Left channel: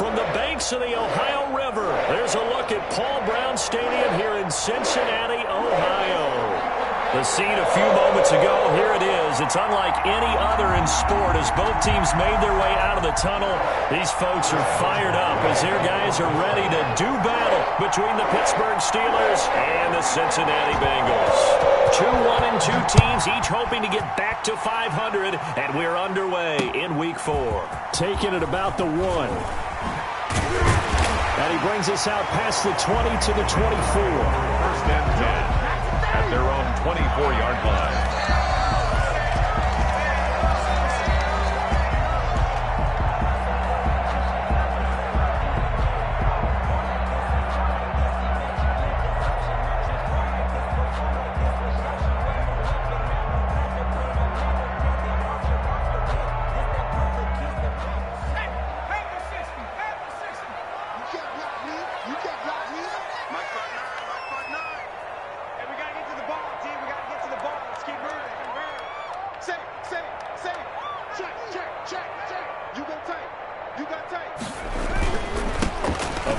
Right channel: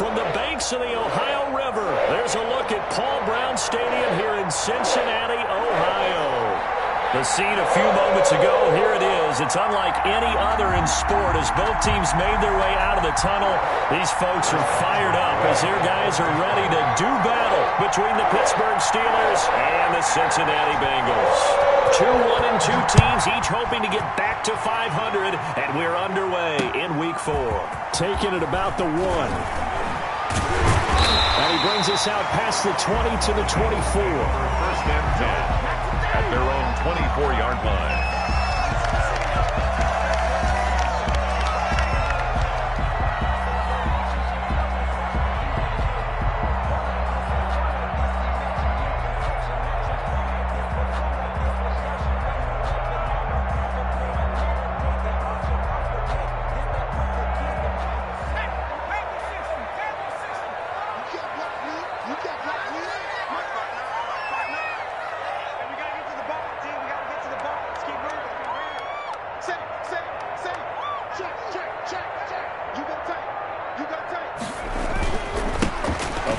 from the banks of the Ohio River, there's a look at Paul Brown Stadium here in Cincinnati, Ohio. The scene a few moments ago, here it is. It's unlike any other in sport as both teams made their way out of the tunnel. These folks are fired up as their guys are ready to do battle between the Pittsburgh Steelers and the Cincinnati Bengals. 2-1-2 teams, each hoping to get back to 500, and we're underway in Week 4. Taking it about the 1. And he brings us out past the 20 to the 24. First and 10 at their own 24-yard line.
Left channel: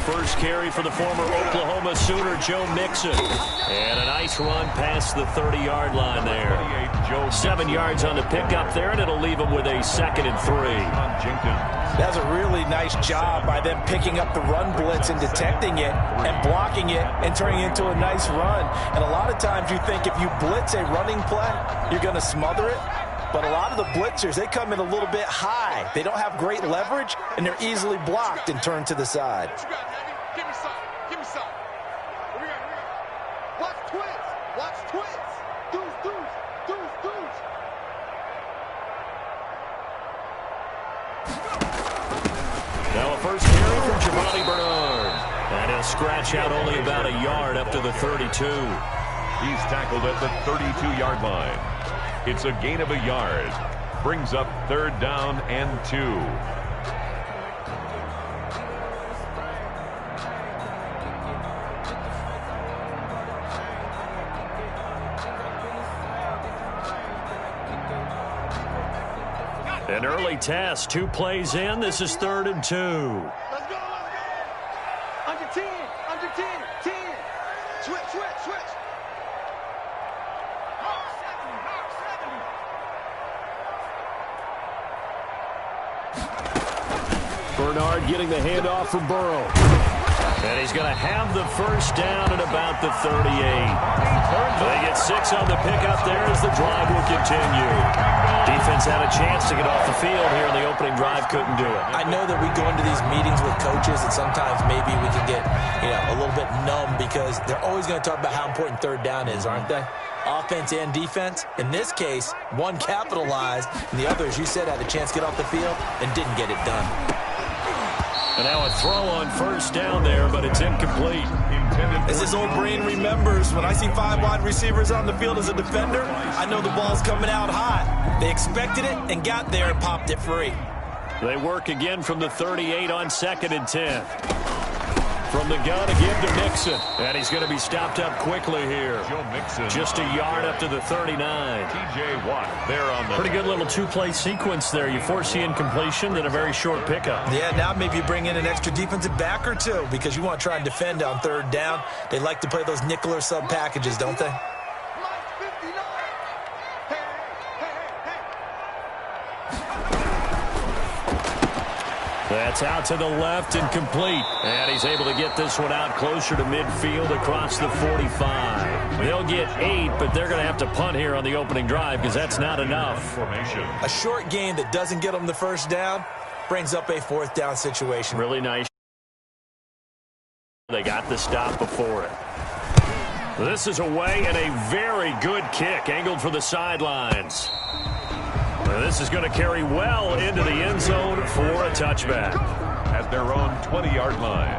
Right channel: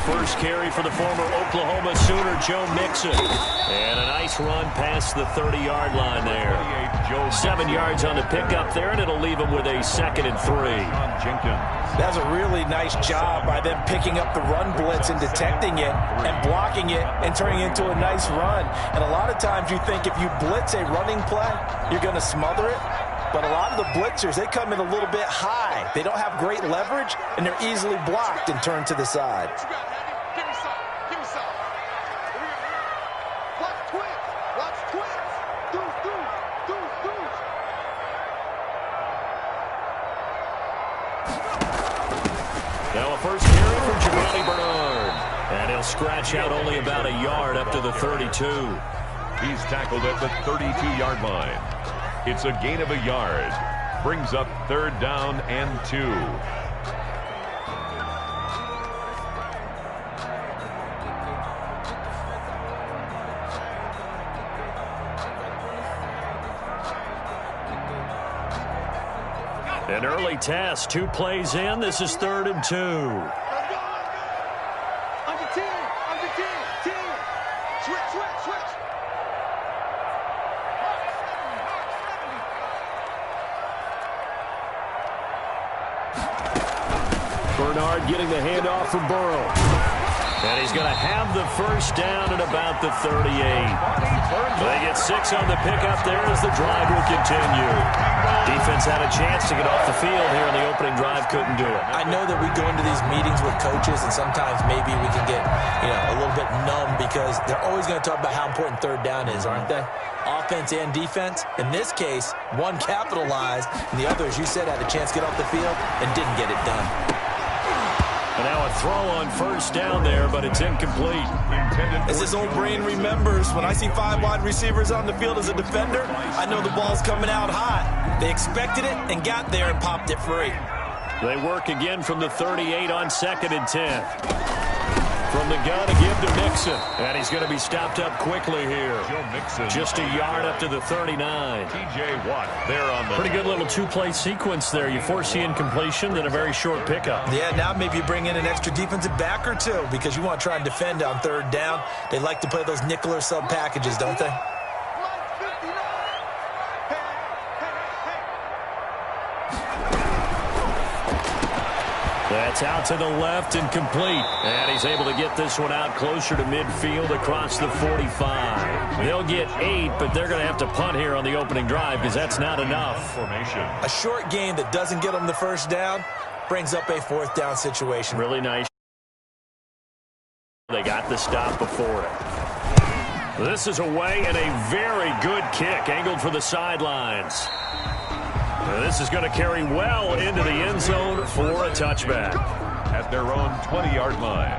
First carry for the former Oklahoma Sooner, Joe Mixon. And a nice run past the 30-yard line there. 7 yards on the pickup there, and it'll leave him with a 2nd and 3. That's a really nice job by them picking up the run blitz and detecting it and blocking it and turning it into a nice run. And a lot of times you think if you blitz a running play, you're going to smother it. But a lot of the blitzers, they come in a little bit high. They don't have great leverage, and they're easily blocked and turned to the side. Give me some. Give me some. Here we go. Watch twins. Watch twins. Deuce. Now a first carry from Giovanni Bernard. And he'll scratch out only about a yard up to the 32. He's tackled at the 32-yard line. It's a gain of a yard. Brings up 3rd down and 2. An early test, 2 plays in. This is 3rd and 2. Let's go. Under 10. 10. Switch. Hawk 70. Bernard getting the handoff from Burrow. And he's going to have the first down at about the 38. They get 6 on the pickup there as the drive will continue. Defense had a chance to get off the field here in the opening drive, couldn't do it. I know that we go into these meetings with coaches, and sometimes maybe we can get a little bit numb because they're always going to talk about how important 3rd down is, aren't they? Offense and defense. In this case, one capitalized, and the other, as you said, had a chance to get off the field and didn't get it done. And now a throw on first down there, but it's incomplete. As his old brain remembers, when I see 5 wide receivers on the field as a defender, I know the ball's coming out hot. They expected it and got there and popped it free. They work again from the 38 on 2nd and 10. From the gun to give to Mixon. And he's going to be stopped up quickly here. Joe Mixon. Just a yard up to the 39. T.J. Watt there on the... Pretty good little 2-play sequence there. You force the incompletion, then a very short pickup. Yeah, now maybe you bring in an extra defensive back or 2 because you want to try and defend on 3rd down. They like to play those nickel or sub packages, don't they? That's out to the left and complete. And he's able to get this one out closer to midfield across the 45. They'll get 8, but they're going to have to punt here on the opening drive because that's not enough. Formation. A short gain that doesn't get them the first down brings up a 4th down situation. Really nice. They got the stop before it. This is away and a very good kick angled for the sidelines. This is going to carry well into the end zone for a touchback. At their own 20-yard line.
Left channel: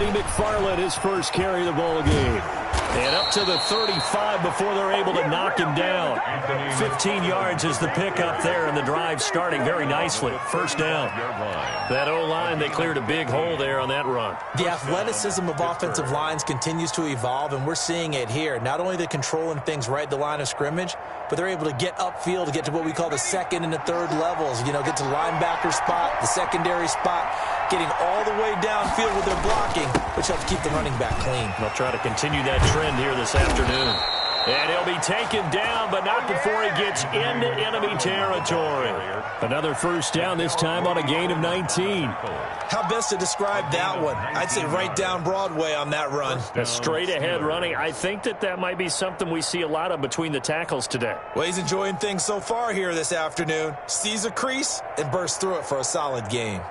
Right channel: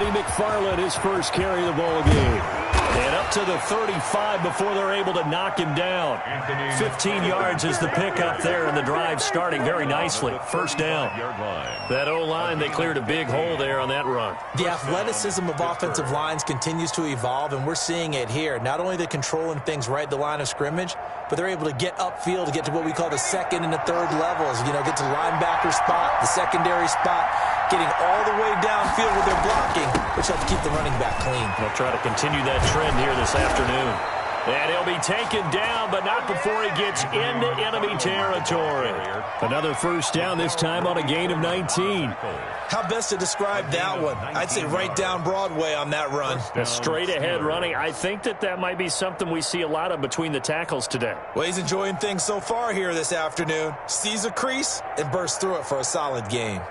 Anthony McFarland, his first carry of the ball game. And up to the 35 before they're able to knock him down. 15 yards is the pickup there, and the drive starting very nicely. First down. That O-line, they cleared a big hole there on that run. The athleticism of offensive lines continues to evolve, and we're seeing it here. Not only the controlling things right at the line of scrimmage, but they're able to get upfield to get to what we call the second and the third levels. You know, get to the linebacker spot, the secondary spot, getting all the way downfield with their blocking, which helps keep the running back clean. They'll try to continue that trend here this afternoon. And he'll be taken down, but not before he gets into enemy territory. Another first down, this time on a gain of 19. How best to describe that one? I'd say right down Broadway on that run. A straight-ahead running. I think that might be something we see a lot of between the tackles today. Well, he's enjoying things so far here this afternoon. Sees a crease and bursts through it for a solid gain.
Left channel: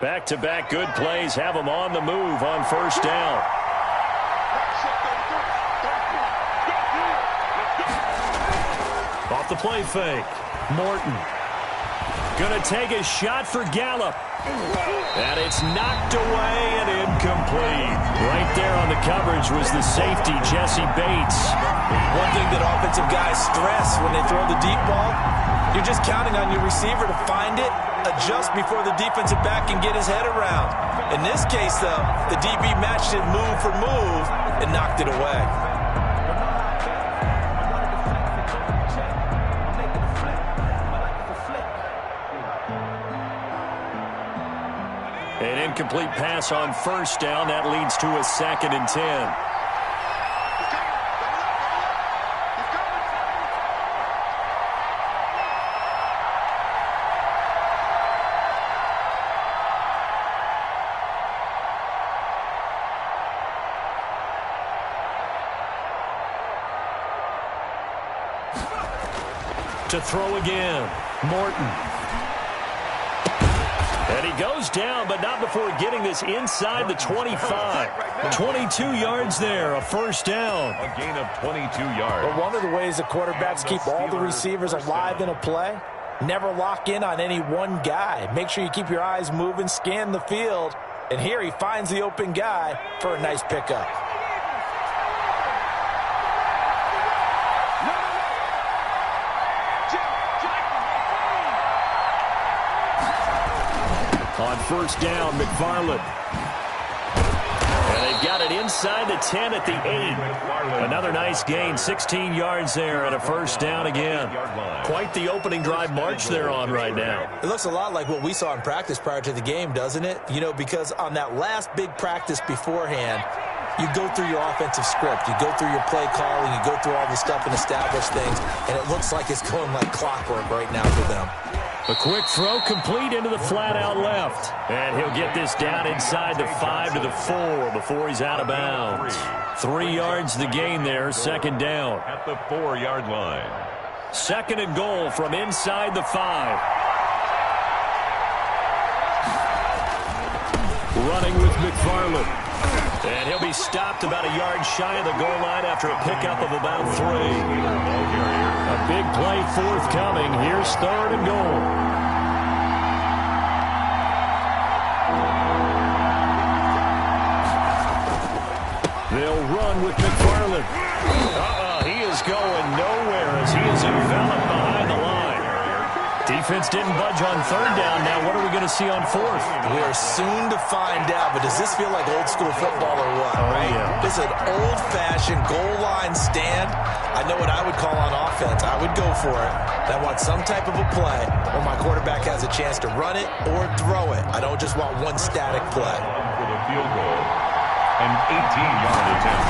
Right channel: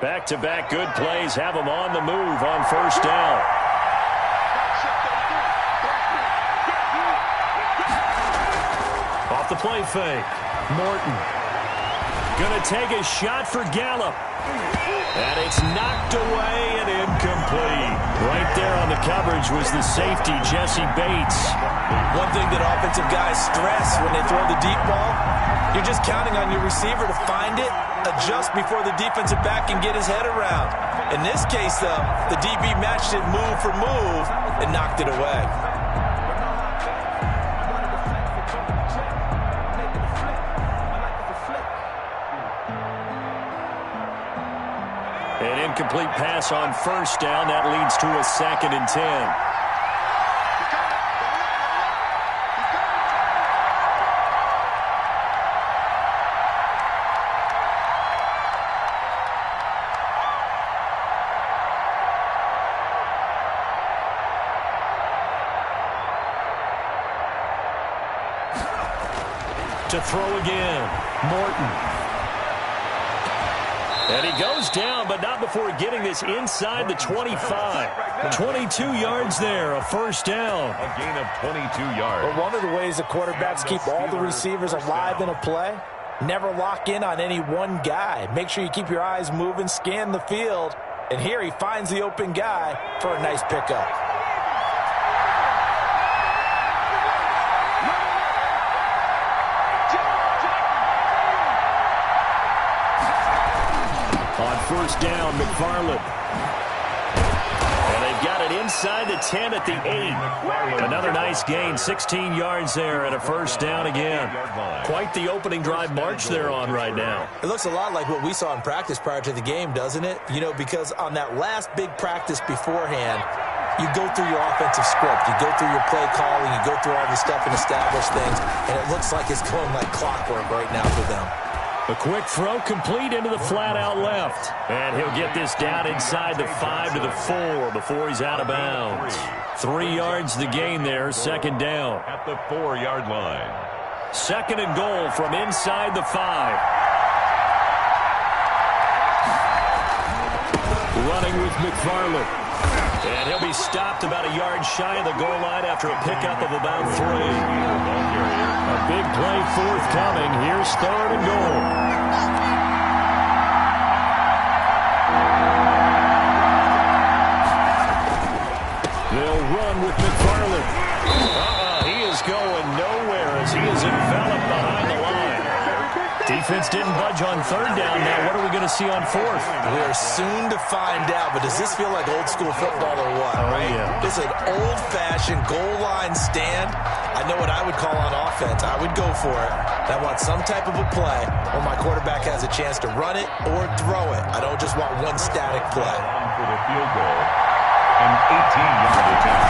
Back-to-back good plays have them on the move on first down. Off the play fake. Morton. Gonna take a shot for Gallup. And it's knocked away and incomplete. Right there on the coverage was the safety, Jesse Bates. One thing that offensive guys stress when they throw the deep ball, you're just counting on your receiver to find it, adjust before the defensive back can get his head around. In this case, though, the DB matched it move for move and knocked it away. An incomplete pass on first down. That leads to a 2nd and 10. To throw again, Morton. And he goes down, but not before getting this inside the 25. 22 yards there, a first down. A gain of 22 yards. Well, one of the ways the quarterbacks keep all the receivers alive in a play, never lock in on any one guy. Make sure you keep your eyes moving, scan the field. And here he finds the open guy for a nice pickup. On first down, McFarland. And they've got it inside the 10 at the 8. Another nice gain, 16 yards there and a first down again. Quite the opening drive march they're on right now. It looks a lot like what we saw in practice prior to the game, doesn't it? You know, because on that last big practice beforehand, you go through your offensive script, you go through your play calling, you go through all the stuff and establish things, and it looks like it's going like clockwork right now for them. A quick throw complete into the flat out left. And he'll get this down inside the 5 to the 4 before he's out of bounds. 3 yards the gain there, second down. At the 4-yard line. Second and goal from inside the 5. Running with McFarland. And he'll be stopped about a yard shy of the goal line after a pickup of about 3. Ball carrier. A big play forthcoming. Here's 3rd and goal. They'll run with McFarland. He is going nowhere as he is enveloped behind the line. Defense didn't budge on 3rd down. Now what are we going to see on 4th? We are soon to find out, but does this feel like old school football or what, right? Yeah. This is an old-fashioned goal line stand. I know what I would call on offense. I would go for it. And I want some type of a play where my quarterback has a chance to run it or throw it. I don't just want one static play. For the field goal. An 18-yard attempt.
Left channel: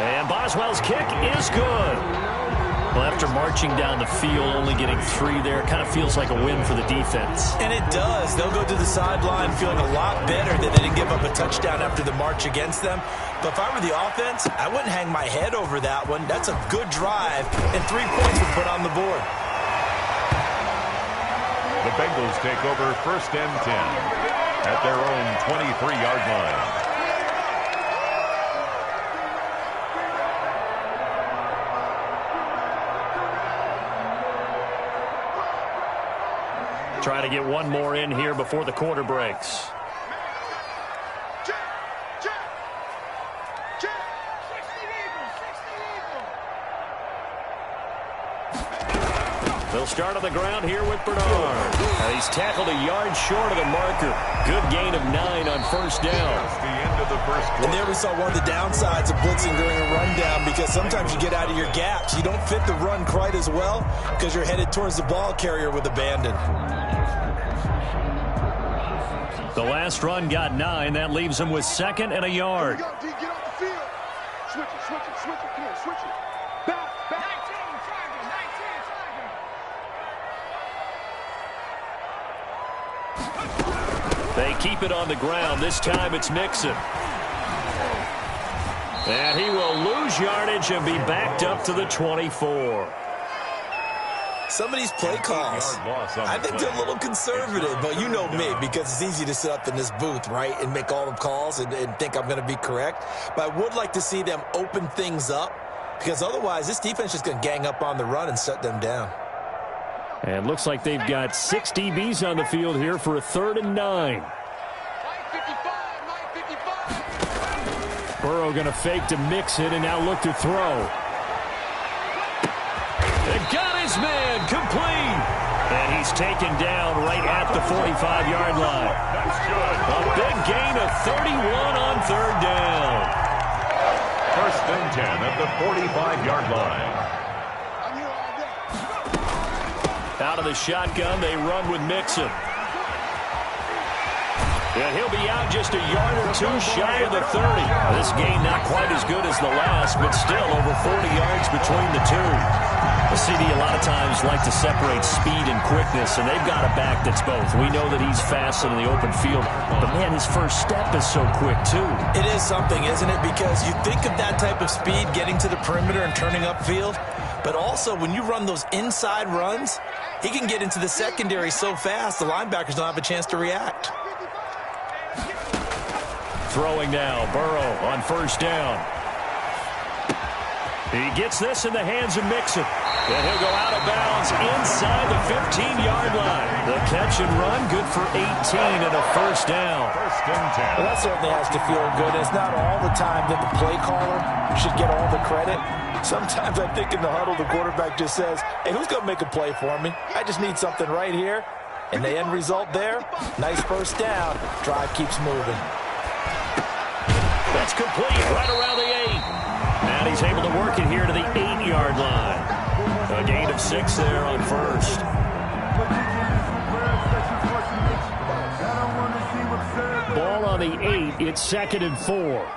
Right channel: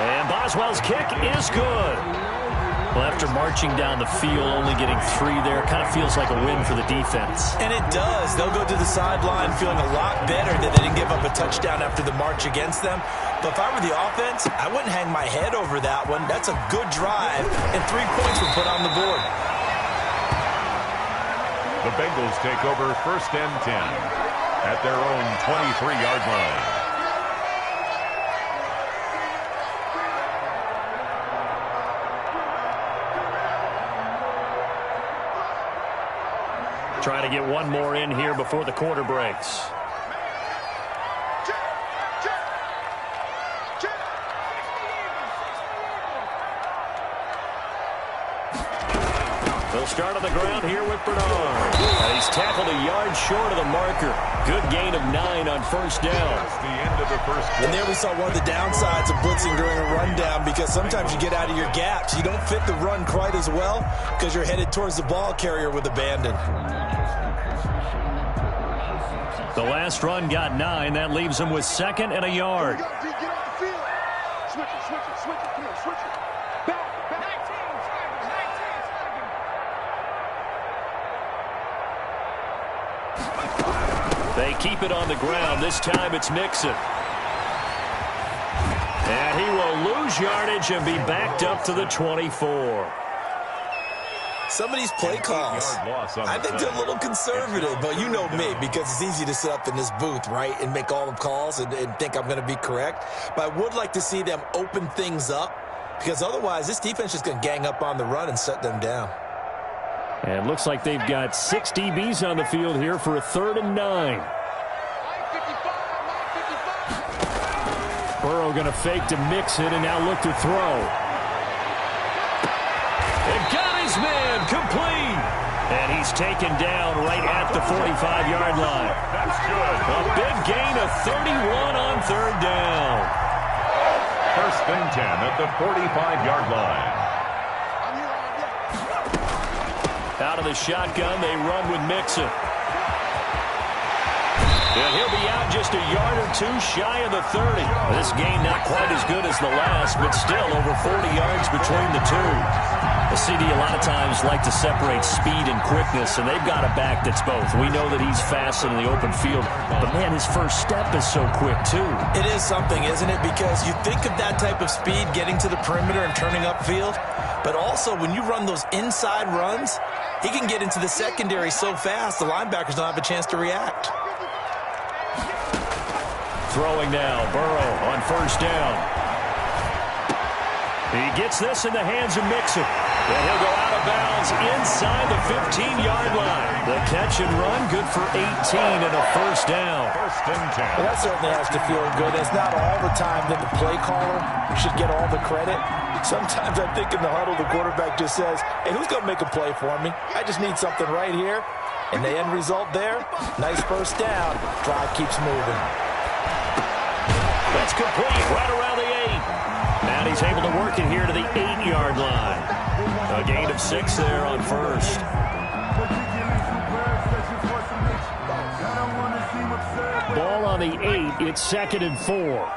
And Boswell's kick is good. Well, after marching down the field, only getting 3 there, kind of feels like a win for the defense. And it does. They'll go to the sideline feeling a lot better that they didn't give up a touchdown after the march against them. But if I were the offense, I wouldn't hang my head over that one. That's a good drive, and 3 points were put on the board. The Bengals take over 1st and 10 at their own 23-yard line. try to get one more in here before the quarter breaks. They'll start on the ground here with Bernard. And he's tackled a yard short of the marker. Good gain of 9 on first down. That's the end of the first quarter. And there we saw one of the downsides of blitzing during a rundown, because sometimes you get out of your gaps. You don't fit the run quite as well because you're headed towards the ball carrier with abandon. The last run got 9. That leaves him with 2nd and a yard. Here we go, D, get off the field. Switch it, switch it, switch it. Come on, switch it. Back, back. 19, Tiger, 19, Tiger. They keep it on the ground. This time it's Mixon. And he will lose yardage and be backed up to the 24. Some of these play calls, I think they're a little conservative, but you know me, because it's easy to sit up in this booth, right, and make all the calls and think I'm going to be correct. But I would like to see them open things up, because otherwise this defense is going to gang up on the run and shut them down. And looks like they've got 6 DBs on the field here for a 3rd and 9. Burrow going to fake to Mixon and now look to throw. And got his man complete. And he's taken down right at the 45-yard line. That's good. A big gain of 31 on 3rd down. 1st and 10 at the 45-yard line. I'm here all day. Out of the shotgun, they run with Mixon. And he'll be out just a yard or 2 shy of the 30. This gain not quite as good as the last, but still over 40 yards between the two. The CD a lot of times like to separate speed and quickness, and they've got a back that's both. We know that he's fast in the open field, but man, his first step is so quick too. It is something, isn't it? Because you think of that type of speed getting to the perimeter and turning upfield, but also when you run those inside runs, he can get into the secondary so fast the linebackers don't have a chance to react. Throwing now, Burrow on first down. He gets this in the hands of Mixon. And he'll go out of bounds inside the 15-yard line. The catch and run, good for 18 and a first down. 1st and 10. Well, that certainly has to feel good. It's not all the time that the play caller should get all the credit. Sometimes I think in the huddle, the quarterback just says, hey, who's going to make a play for me? I just need something right here. And the end result there, nice first down. Drive keeps moving. That's complete right around the 8. And he's able to work it here to the 8-yard line. A gain of 6 there on first. Ball on the 8. It's 2nd and 4.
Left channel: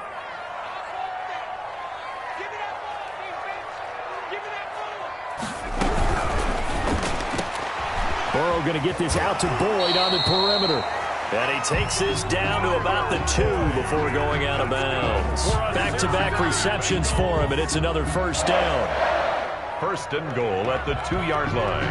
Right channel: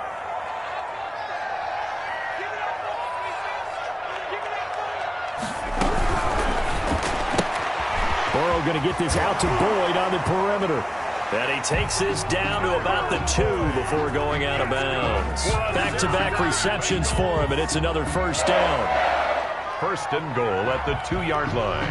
Burrow going to get this out to Boyd on the perimeter. And he takes this down to about the 2 before going out of bounds. Back-to-back receptions for him, and it's another first down. 1st and goal at the 2-yard line.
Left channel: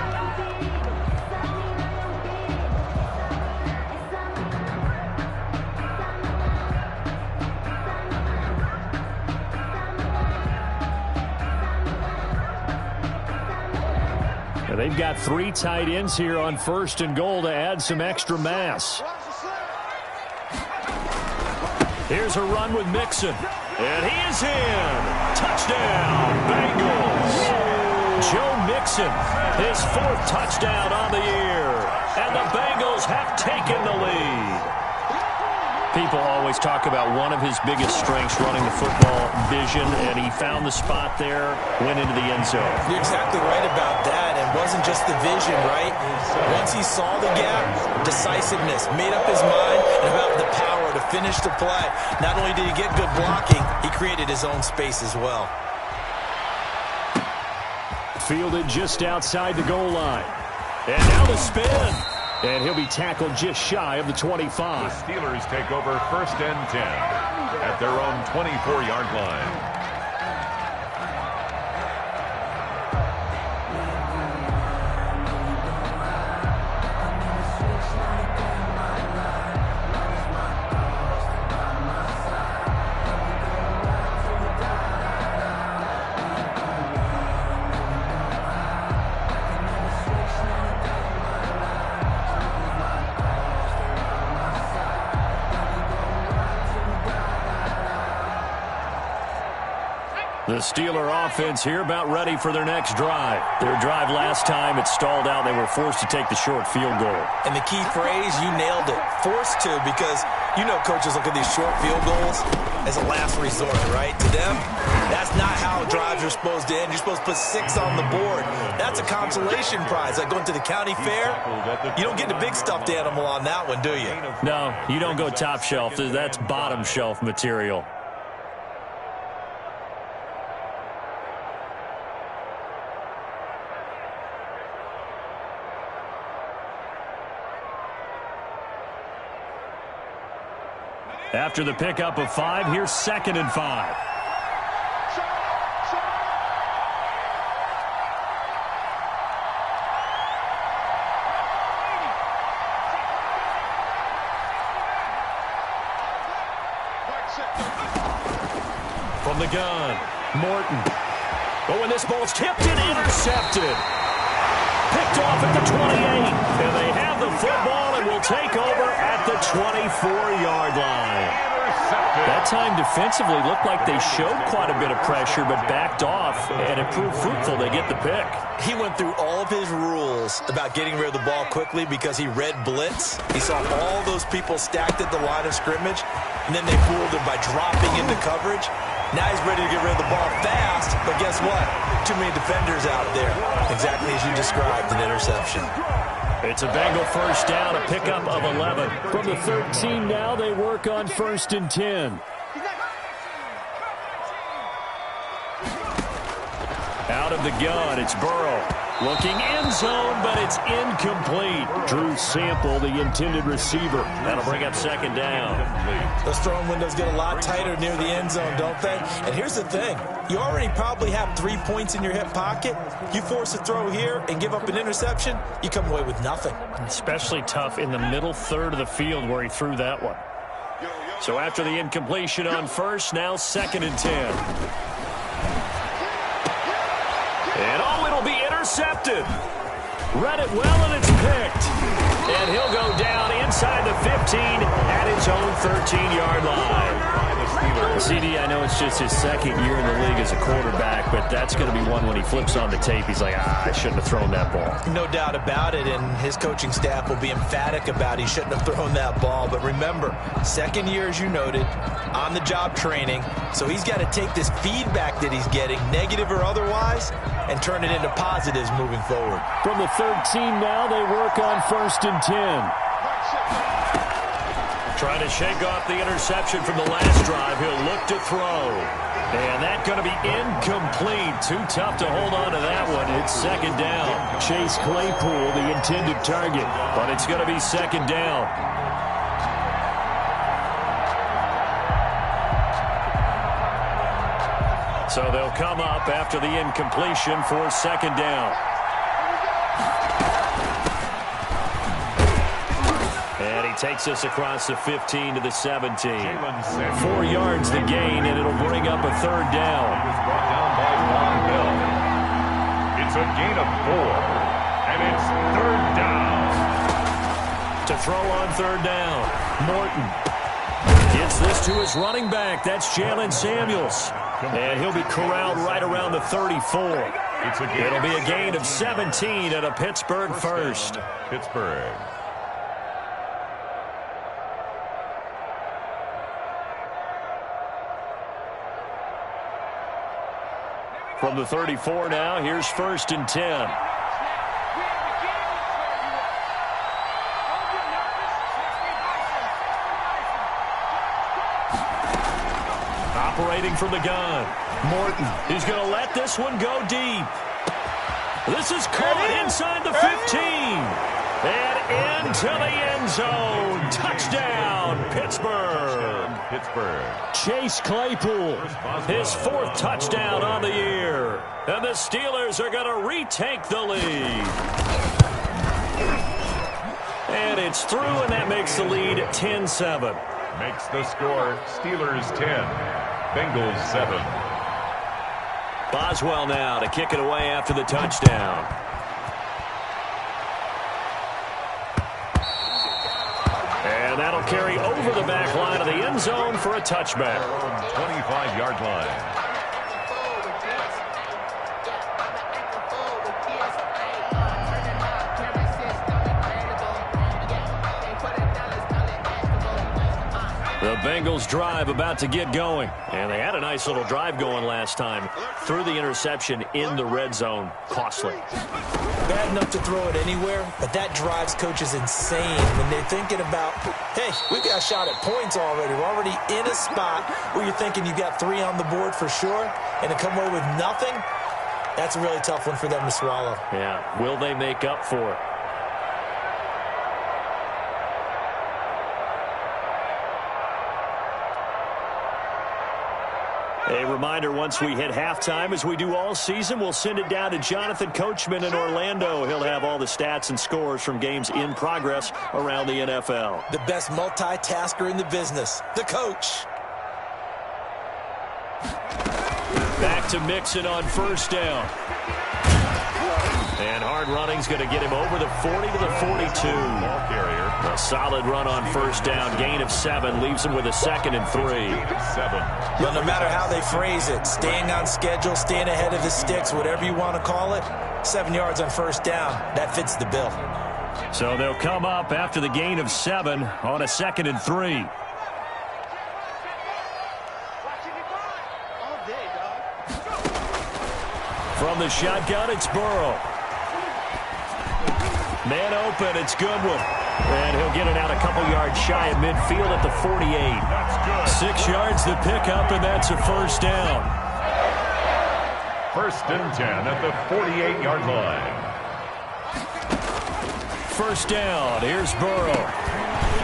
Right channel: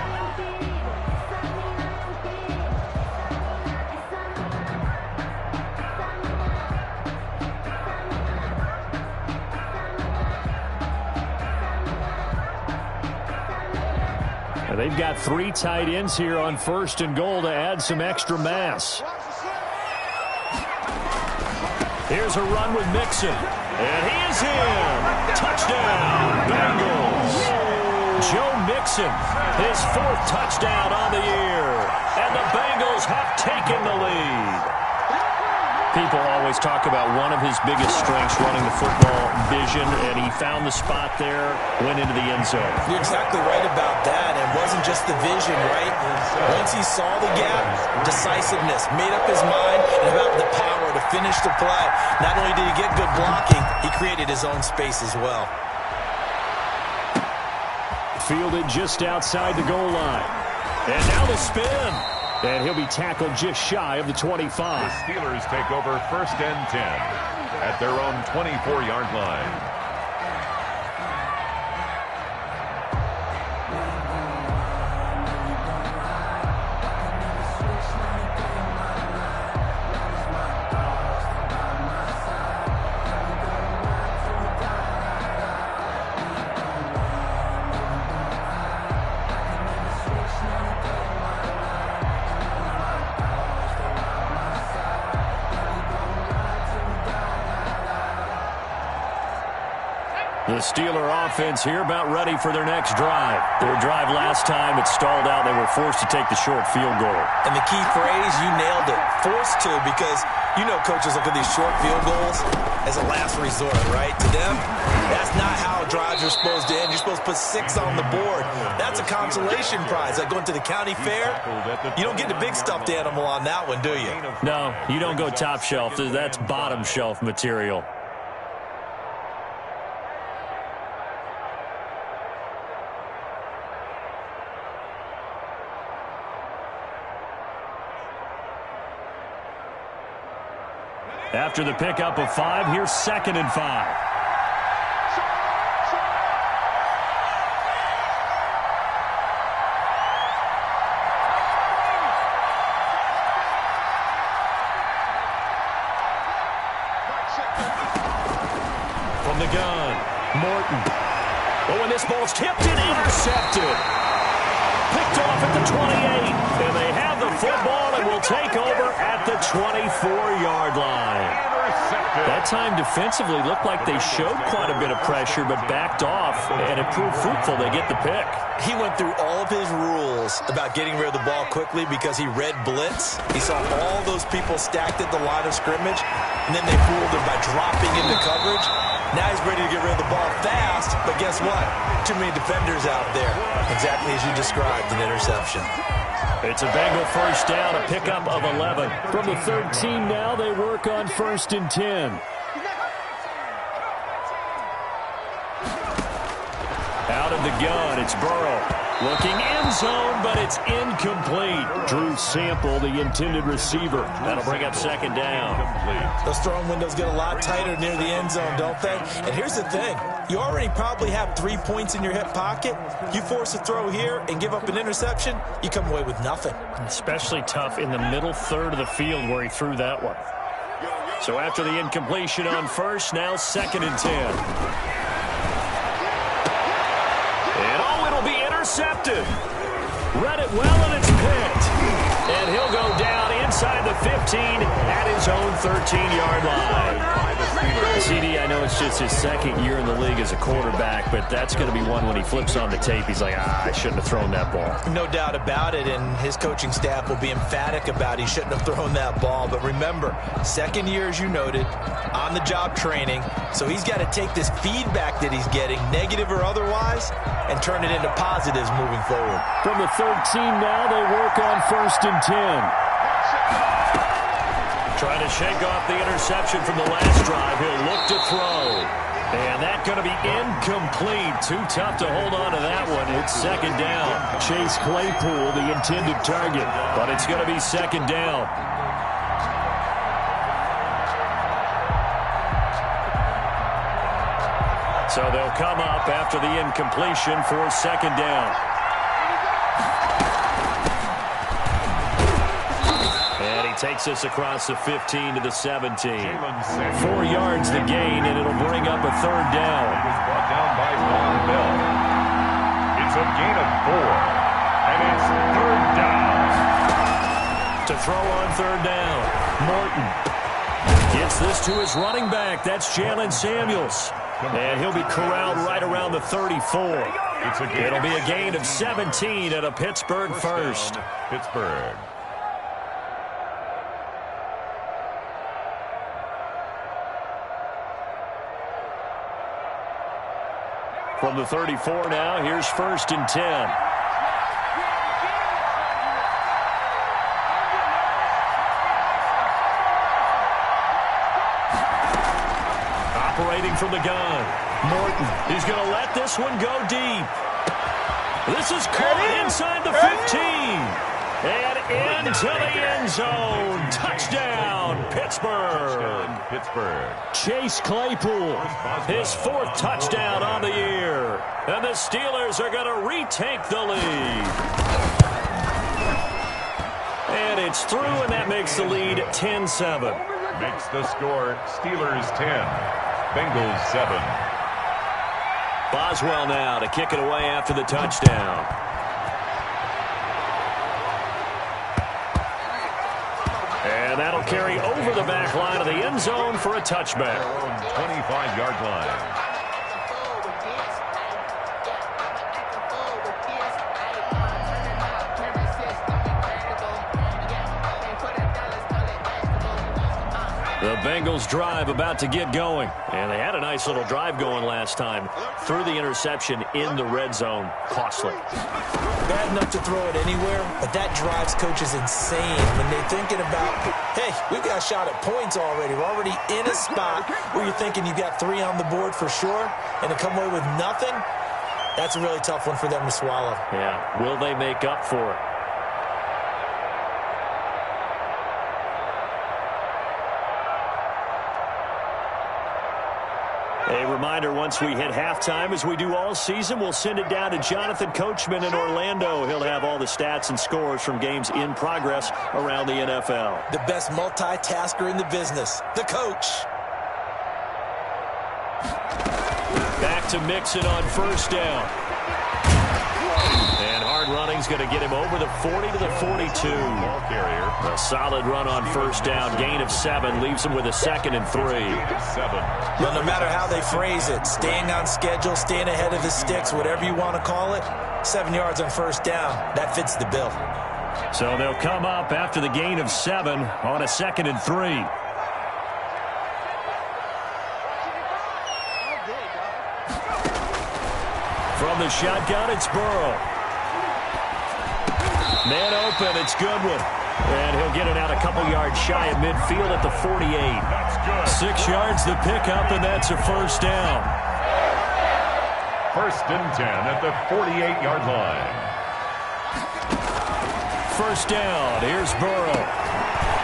And they've got 3 tight ends here on 1st and goal to add some extra mass. Here's a run with Mixon. And he is in. Touchdown, Bengals. Joe Mixon, his 4th touchdown on the year. And the Bengals have taken the lead. People always talk about one of his biggest strengths running the football, vision, and he found the spot there, went into the end zone. You're exactly right about that. It wasn't just the vision, right? Once he saw the gap, decisiveness, made up his mind, and about the power to finish the play. Not only did he get good blocking, he created his own space as well. Fielded just outside the goal line. And now the spin. And he'll be tackled just shy of the 25. The Steelers take over 1st and 10 at their own 24-yard line. The Steeler offense here about ready for their next drive. Their drive last time, it stalled out. They were forced to take the short field goal. And the key phrase, you nailed it, forced to, because you know coaches look at these short field goals as a last resort, right? To them, that's not how drives are supposed to end. You're supposed to put 6 on the board. That's a consolation prize. Like going to the county fair, you don't get the big stuffed animal on that one, do you? No, you don't go top shelf. That's bottom shelf material. After the pickup of 5, here's 2nd and 5. From the gun, Morton. Oh, and this ball's tipped and intercepted. Picked off at the 28. And they have the football and will take over at the 24-yard line. That time defensively looked like they showed quite a bit of pressure but backed off, and it proved fruitful. They get the pick. He went through all of his rules about getting rid of the ball quickly because he read blitz. He saw all those people stacked at the line of scrimmage, and then they fooled him by dropping into coverage. Now he's ready to get rid of the ball fast, but guess what? Too many defenders out there. Exactly as you described, an interception. It's a Bengal first down, a pickup of 11. From the 13 now, they work on 1st and 10. Out of the gun, it's Burrow. Looking end zone, but it's incomplete. Drew Sample, the intended receiver. That'll bring up 2nd down. Those throwing windows get a lot tighter near the end zone, don't they? And here's the thing. You already probably have 3 points in your hip pocket. You force a throw here and give up an interception, you come away with nothing. Especially tough in the middle third of the field where he threw that one. So after the incompletion on 1st, now 2nd and 10. And it'll be intercepted. Read it well, and it's picked. And he'll go down inside the 15 at his own 13-yard line. CD, I know it's just his 2nd year in the league as a quarterback, but that's going to be one when he flips on the tape. He's like, I shouldn't have thrown that ball. No doubt about it, and his coaching staff will be emphatic about he shouldn't have thrown that ball. But remember, 2nd year, as you noted, on-the-job training, so he's got to take this feedback that he's getting, negative or otherwise, and turn it into positives moving forward. From the 13 now, they work on 1st and 10. Trying to shake off the interception from the last drive. He'll look to throw. And that's going to be incomplete. Too tough to hold on to that one. It's 2nd down. Chase Claypool, the intended target. But it's going to be 2nd down. So they'll come up after the incompletion for 2nd down. And he takes us across the 15 to the 17. 4 yards the gain, and it'll bring up a 3rd down. It was brought down by Von Bell. It's a gain of 4, and it's 3rd down. To throw on 3rd down, Morton gets this to his running back. That's Jalen Samuels. And he'll be corralled right around the 34. It'll be a gain of 17 at a Pittsburgh first. Pittsburgh. From the 34 now, here's 1st and 10. Operating from the gun, Morton. He's going to let this one go deep. This is caught inside the 15. And into the end zone. Touchdown, Pittsburgh. Pittsburgh. Chase Claypool, his 4th touchdown on the year. And the Steelers are going to retake the lead. And it's through, and that makes the lead 10-7. Makes the score Steelers 10, Bengals 7. Boswell now to kick it away after the touchdown. And that'll carry over the back line of the end zone for a touchback. 25-yard line. The Bengals drive about to get going. And they had a nice little drive going last time. Threw the interception in the red zone. Costly. Bad enough to throw it anywhere, but that drives coaches insane when they're thinking about, hey, we've got a shot at points already. We're already in a spot where you're thinking you got 3 on the board for sure, and to come away with nothing, that's a really tough one for them to swallow. Yeah, will they make up for it? A reminder, once we hit halftime, as we do all season, we'll send it down to Jonathan Coachman in Orlando. He'll have all the stats and scores from games in progress around the NFL. The best multitasker in the business, the coach. Back to Mixon on first down. And hard running's going to get him over the 40 to the 42. Ball carrier. A solid run on first down. Gain of 7 leaves him with a 2nd and 3. 7. But no matter how they phrase it, staying on schedule, staying ahead of the sticks, whatever you want to call it, 7 yards on first down, that fits the bill. So they'll come up after the gain of 7 on a 2nd and 3. From the shotgun, it's Burrow. Man open, it's Goodwin. And he'll get it out a couple yards shy of midfield at the 48. That's good. 6 yards the pickup, and that's a first down. 1st and 10 at the 48-yard line. First down, here's Burrow.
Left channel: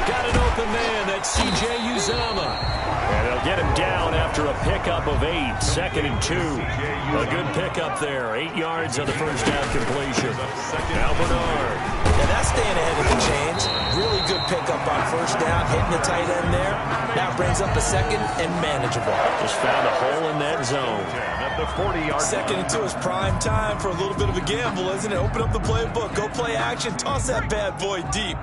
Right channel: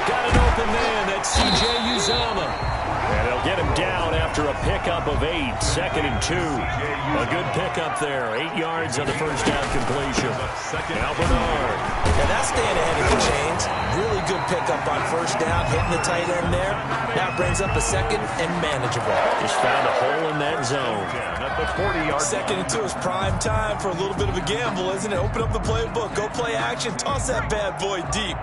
Got an open man, that's C.J. Uzomah. And he'll get him down after a pickup of 8, 2nd and 2. A good pickup there, 8 yards on the first down completion. Now Bernard. And that's staying ahead of the chains. Really good pickup on first down, hitting the tight end there. Now brings up a 2nd and manageable. Just found a hole in that zone. 10 at the 40-yard 2nd and 2 is prime time for a little bit of a gamble, isn't it? Open up the playbook, go play action, toss that bad boy deep.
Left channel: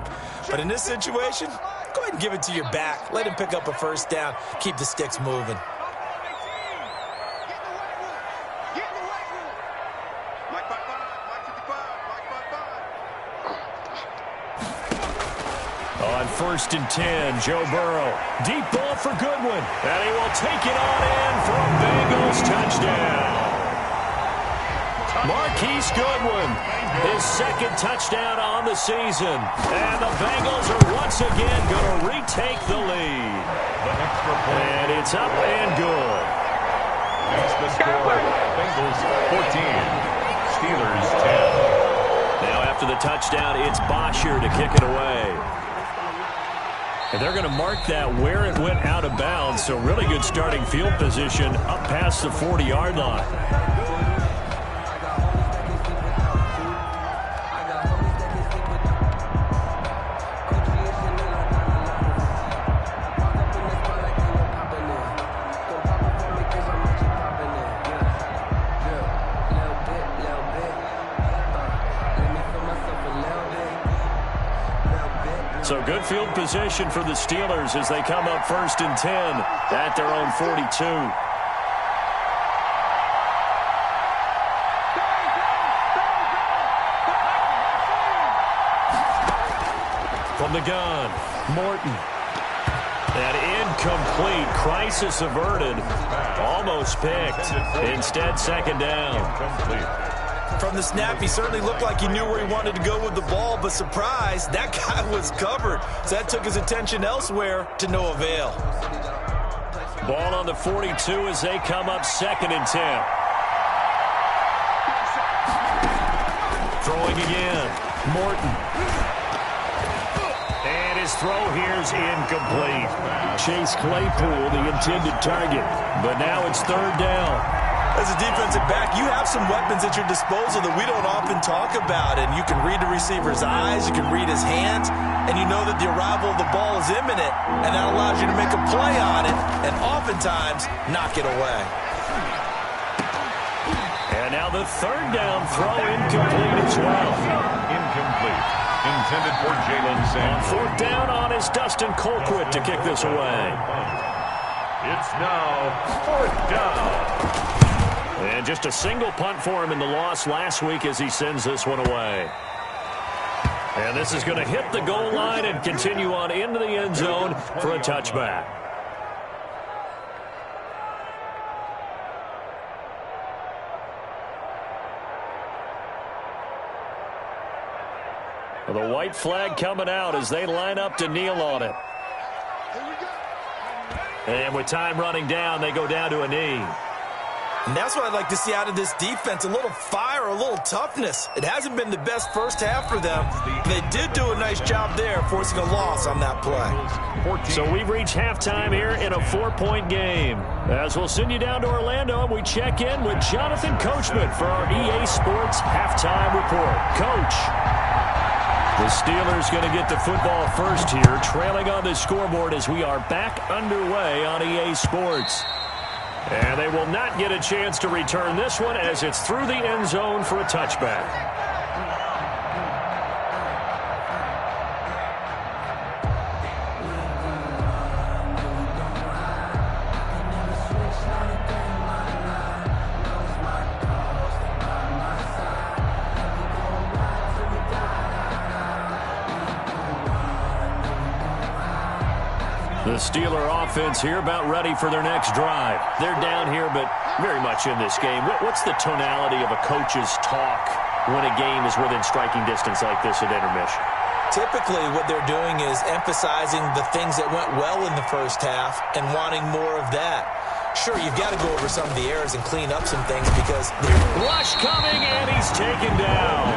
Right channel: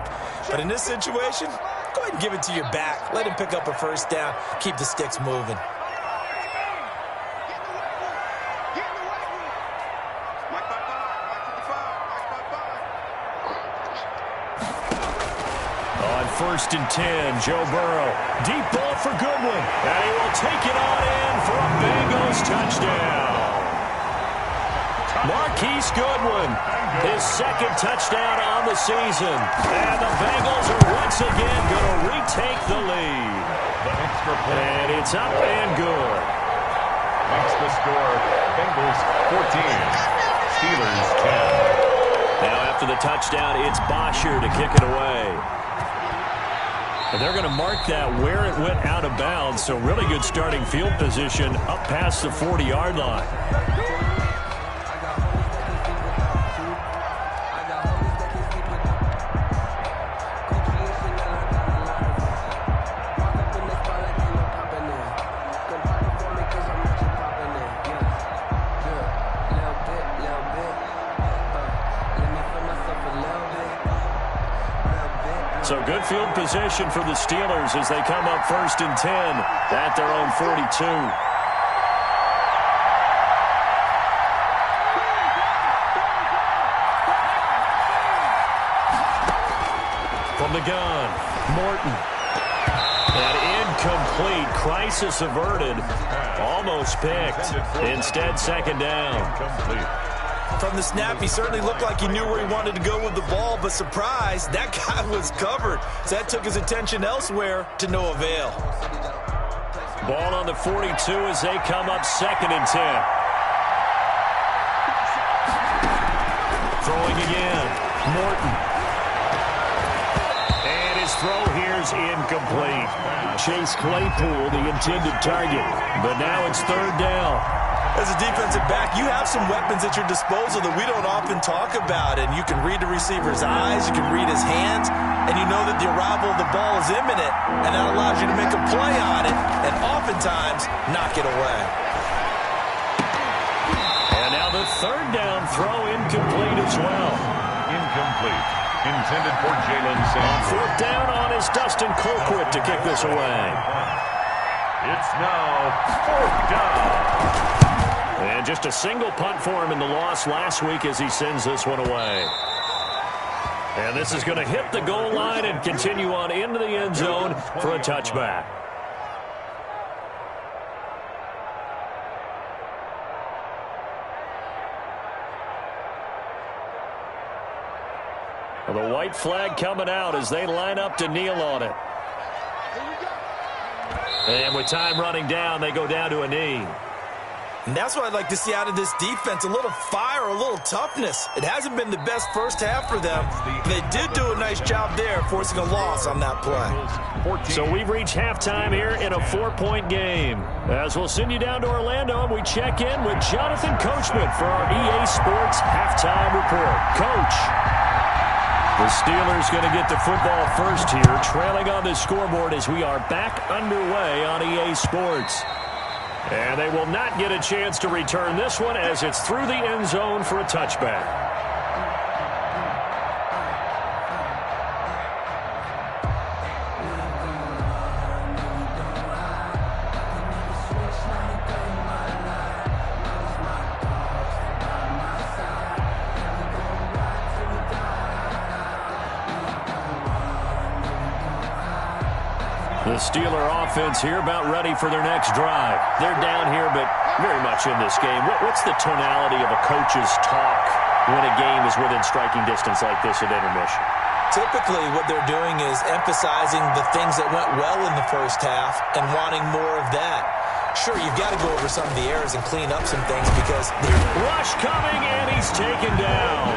But in this situation, go ahead and give it to your back. Let him pick up a first down. Keep the sticks moving. Get in the weight room. Mike 55, Mike 55, Mike 55. On 1st and 10, Joe Burrow. Deep ball for Goodwin. And he will take it on in for a Bengals touchdown. Marquise Goodwin, his 2nd touchdown on the season. And the Bengals are once again going to retake the lead. The extra point. And it's up and good. Makes the score. Bengals 14. Steelers 10. Now after the touchdown, it's Bosher to kick it away. And they're going to mark that where it went out of bounds. So really good starting field position up past the 40-yard line. So good field position for the Steelers as they come up 1st and 10 at their own 42. From the gun, Morton. And incomplete. Crisis averted. Almost picked. Instead, 2nd down. Incomplete. From the snap, he certainly looked like he knew where he wanted to go with the ball, but surprise, that guy was covered. So that took his attention elsewhere to no avail. Ball on the 42 as they come up 2nd and 10. Throwing again, Morton. And his throw here's incomplete. Chase Claypool, the intended target. But now it's 3rd down. As a defensive back, you have some weapons at your disposal that we don't often talk about. And you can read the receiver's eyes, you can read his hands, and you know that the arrival of the ball is imminent. And that allows you to make a play on it and oftentimes knock it away. And now the 3rd down throw incomplete as well. Incomplete. Intended for Jalen On Samuels. 4th down on is Dustin Colquitt to kick this away. It's now 4th down. And just a single punt for him in the loss last week as he sends this one away. And this is going to hit the goal line and continue on into the end zone for a touchback. Well, the white flag coming out as they line up to kneel on it. And with time running down, they go down to a knee. And that's what I'd like to see out of this defense, a little fire, a little toughness. It hasn't been the best first half for them. They did do a nice job there, forcing a loss on that play. So we've reached halftime here in a 4-point game. As we'll send you down to Orlando, we check in with Jonathan Coachman for our EA Sports Halftime Report. Coach. The Steelers going to get the football first here, trailing on the scoreboard as we are back underway on EA Sports. And they will not get a chance to return this one as it's through the end zone for a touchback. The Steeler offense here about ready for their next drive. They're down here, but very much in this game. What's the tonality of a coach's talk when a game is within striking distance like this at intermission? Typically, what they're doing is emphasizing the things that went well in the first half and wanting more of that. Sure, you've got to go over some of the errors and clean up some things because... Rush coming, and he's taken down.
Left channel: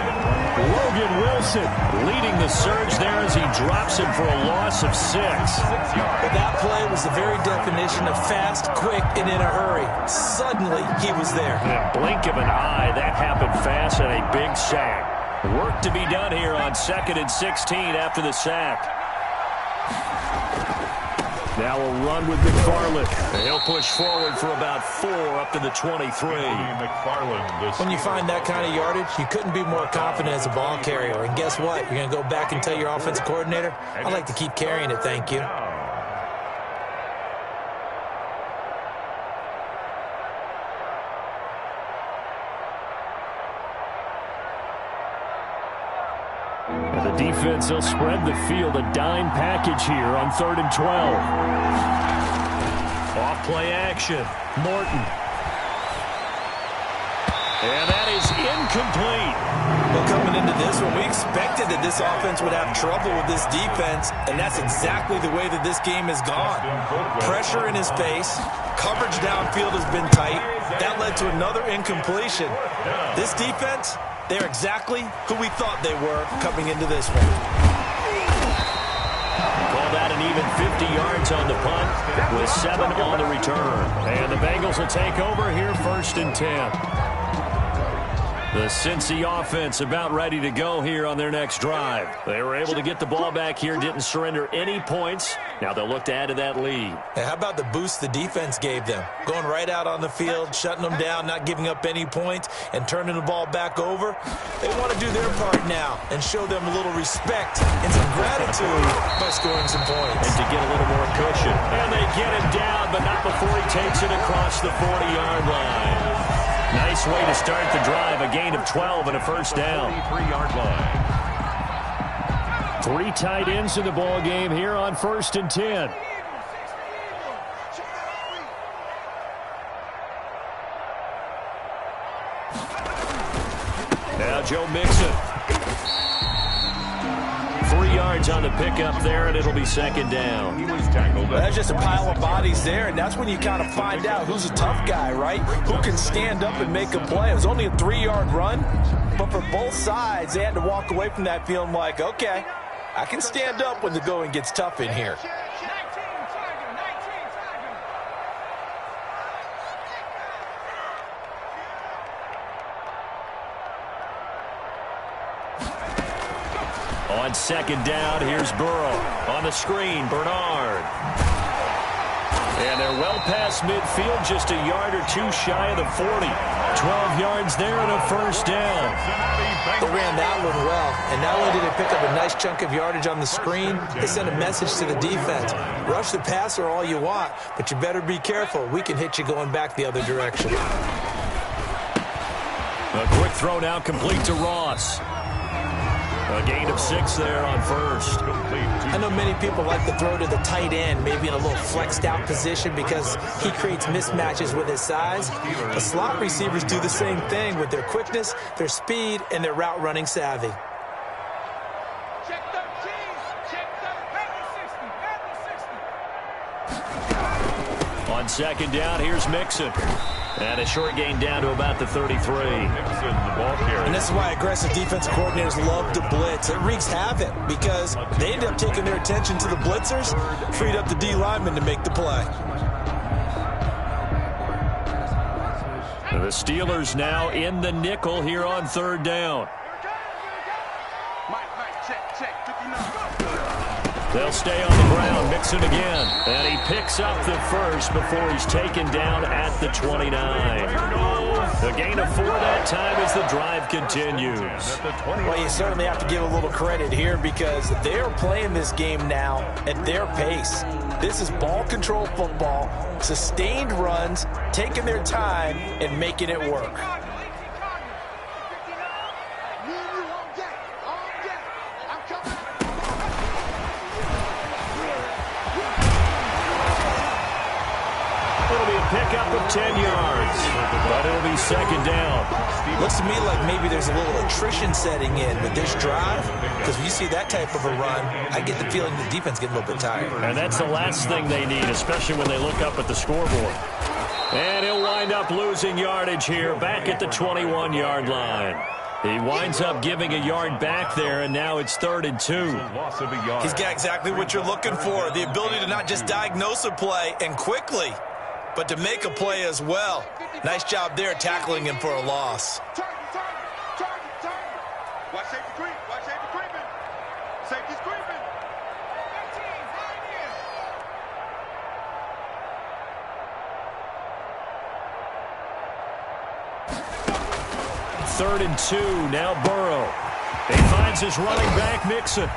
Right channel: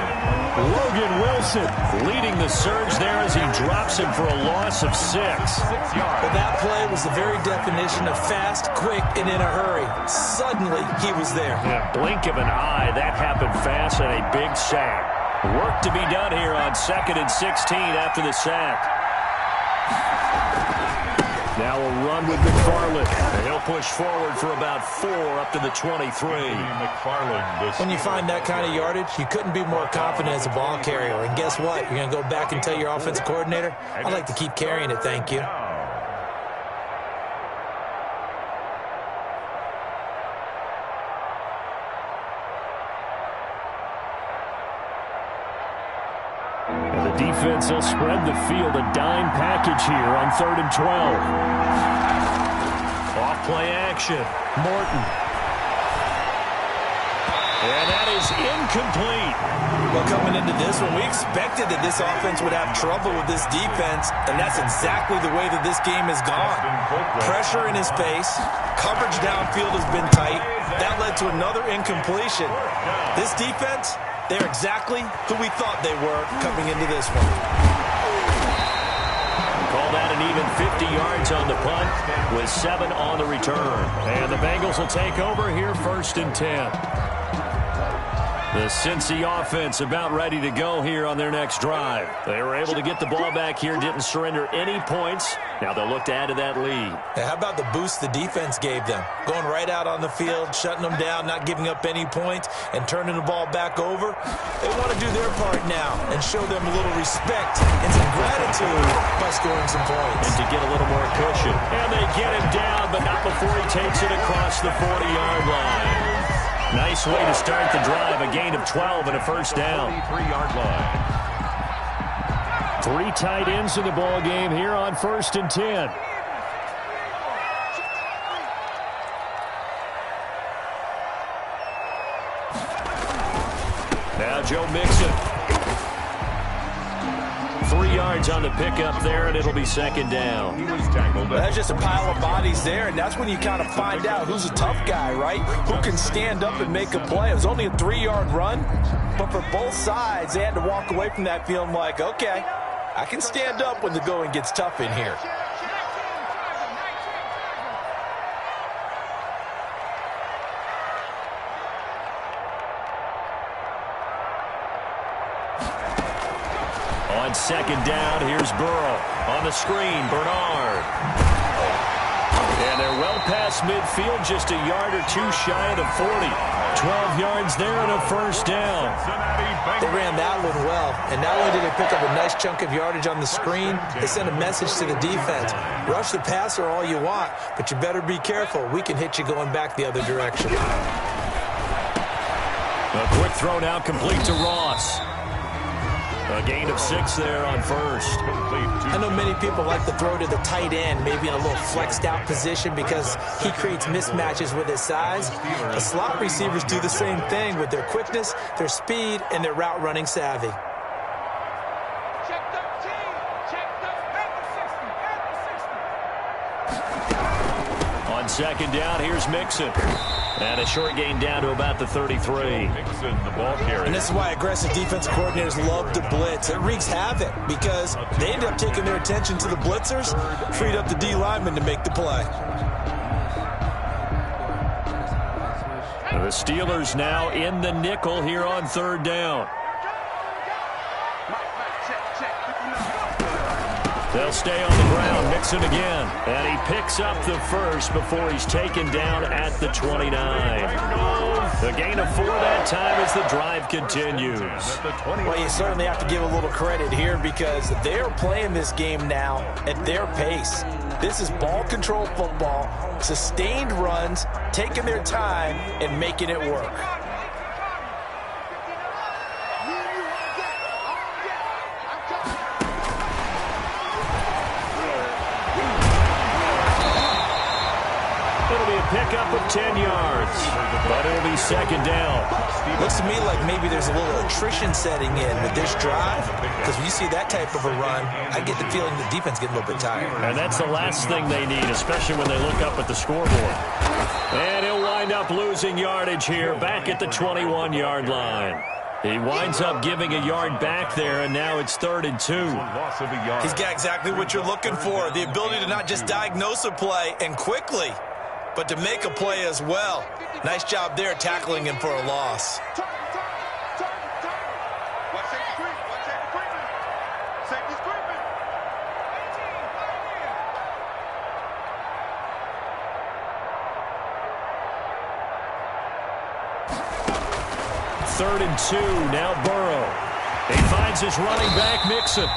Logan Wilson leading the surge there as he drops him for a loss of 6. But that play was the very definition of fast, quick, and in a hurry. Suddenly, he was there. In a blink of an eye, that happened fast and a big sack. Work to be done here on 2nd and 16 after the sack. Now a run with McFarland. He'll push forward for about 4 up to the 23. When you find that kind of yardage, you couldn't be more confident as a ball carrier. And guess what? You're going to go back and tell your offensive coordinator, I'd like to keep carrying it, thank you. Defense, they'll spread the field, a dime package here on 3rd and 12. Off play action, Morton. And that is incomplete. Well, coming into this one, we expected that this offense would have trouble with this defense, and that's exactly the way that this game has gone. Pressure in his face, coverage downfield has been tight. That led to another incompletion. This defense... they're exactly who we thought they were coming into this one. Call that an even 50 yards on the punt with 7 on the return. And the Bengals will take over here 1st and 10. The Cincy offense about ready to go here on their next drive. They were able to get the ball back here, didn't surrender any points. Now they'll look to add to that lead. Hey, how about the boost the defense gave them? Going right out on the field, shutting them down, not giving up any points, and turning the ball back over. They want to do their part now and show them a little respect and some gratitude by scoring some points. And to get a little more cushion. And they get him down, but not before he takes it across the 40-yard line. Nice way to start the drive, a gain of 12 and a first down. 43-yard line. 3 tight ends in the ball game here on 1st and 10. Now Joe Mixon. 3 yards on the pickup there, and it'll be 2nd down. He was tackled. That's just a pile of bodies there, and that's when you kind of find out who's a tough guy, right? Who can stand up and make a play. It was only a 3-yard run, but for both sides, they had to walk away from that feeling like, okay, I can stand up when the going gets tough in here. On 2nd down, here's Burrow. On the screen, Bernard. And they're well past midfield, just a yard or 2 shy of the 40. 12 yards there and a first down. They ran that one well, and not only did they pick up a nice chunk of yardage on the screen, they sent a message to the defense. Rush the passer all you want, but you better be careful. We can hit you going back the other direction. A quick throw now complete to Ross. A gain of 6 there on first. I know many people like to throw to the tight end, maybe in a little flexed out position because he creates mismatches with his size. The slot receivers do the same thing with their quickness, their speed, and their route running savvy. Check 13. Check 13. On second down, here's Mixon. And a short gain down to about the 33. Mixon, the ball carrier. And this is why aggressive defensive coordinators love to blitz. It wreaks havoc because they end up taking their attention to the blitzers, freed up the D lineman to make the play. And the Steelers now in the nickel here on third down. Mike, check. 59. They'll stay on the ground. Mixon again. And he picks up the first before he's taken down at the 29. The gain of 4 that time as the drive continues. Well, you certainly have to give a little credit here because they're playing this game now at their pace. This is ball control football, sustained runs, taking their time and making it work. It'll be a pickup of 10 yards, but it'll be second down. Looks to me like maybe there's a little attrition setting in with this drive, because when you see that type of a run, I get the feeling the defense getting a little bit tired. And that's the last thing they need, especially when they look up at the scoreboard. And he'll wind up losing yardage here back at the 21-yard line. He winds up giving a yard back there, and now it's 3rd and 2. Loss of a yard. He's got exactly what you're looking for, the ability to not just diagnose a play and quickly, but to make a play as well. Nice job there tackling him for a loss. Target. Watch safety creep. Watch safety creeping. Safety's creeping. 18, flying in. Third and 2, now Burrow. He finds his running back, Mixon.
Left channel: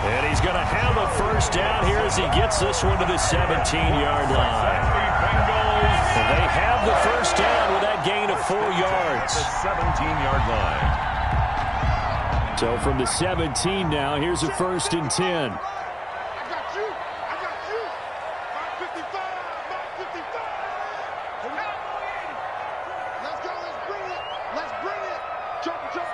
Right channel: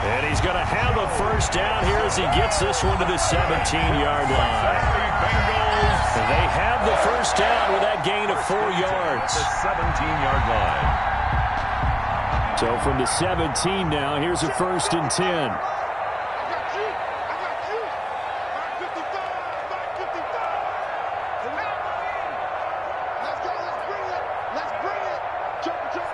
And he's going to have a first down here as he gets this one to the 17-yard line. They have the first down with that gain of 4 yards. The 17-yard line. So from the 17 now, here's a 1st and 10. I got you. Mark 55. Let's go. Let's bring it. Jump. 60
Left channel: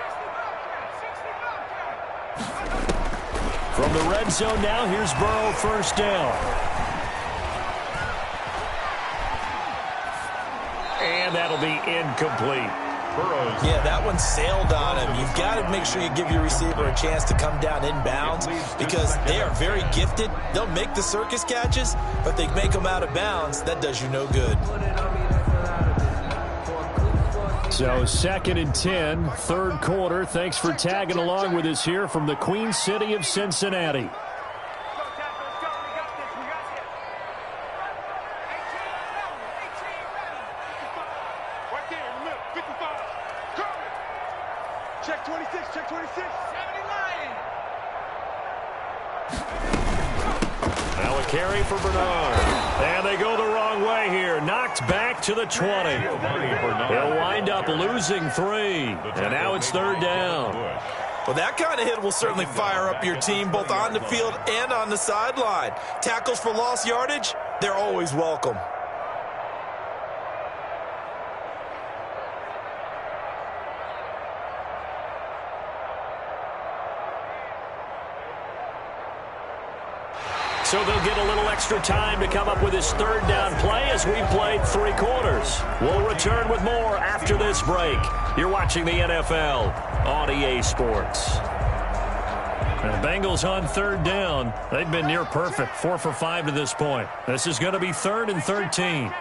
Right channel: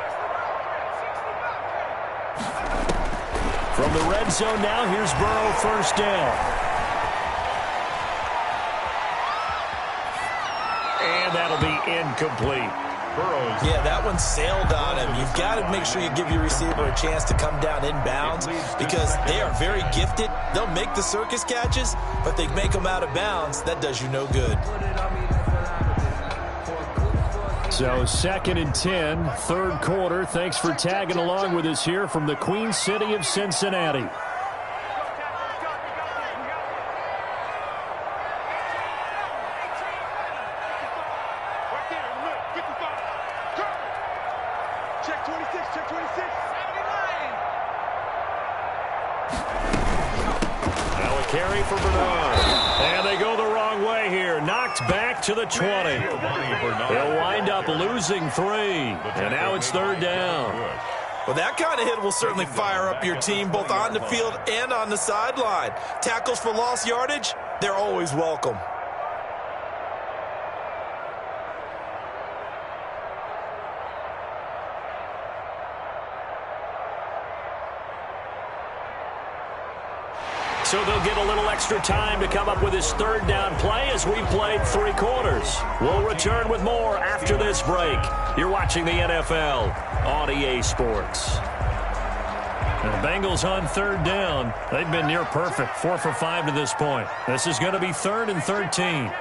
From the red zone now, here's Burrow, first down. And that'll be incomplete. Burrows. Yeah, that one sailed on him. You've got to make sure you give your receiver a chance to come down inbounds because they are very gifted. They'll make the circus catches, but if they make them out of bounds, that does you no good. So 2nd and 10, third quarter. Thanks for tagging along with us here from the Queen City of Cincinnati. Check 26. 79. Now a carry for Bernard. And they go the wrong way here. Knocked back to the 20. He'll wind up losing 3. And now it's 3rd down. Well, that kind of hit will certainly fire up your team both on the field and on the sideline. Tackles for lost yardage, they're always welcome. So they'll get a little extra time to come up with his 3rd down play as we've played 3 quarters. We'll return with more after this break. You're watching the NFL on EA Sports. And the Bengals on 3rd down. They've been near perfect, 4 for 5 to this point. This is going to be 3rd and 13.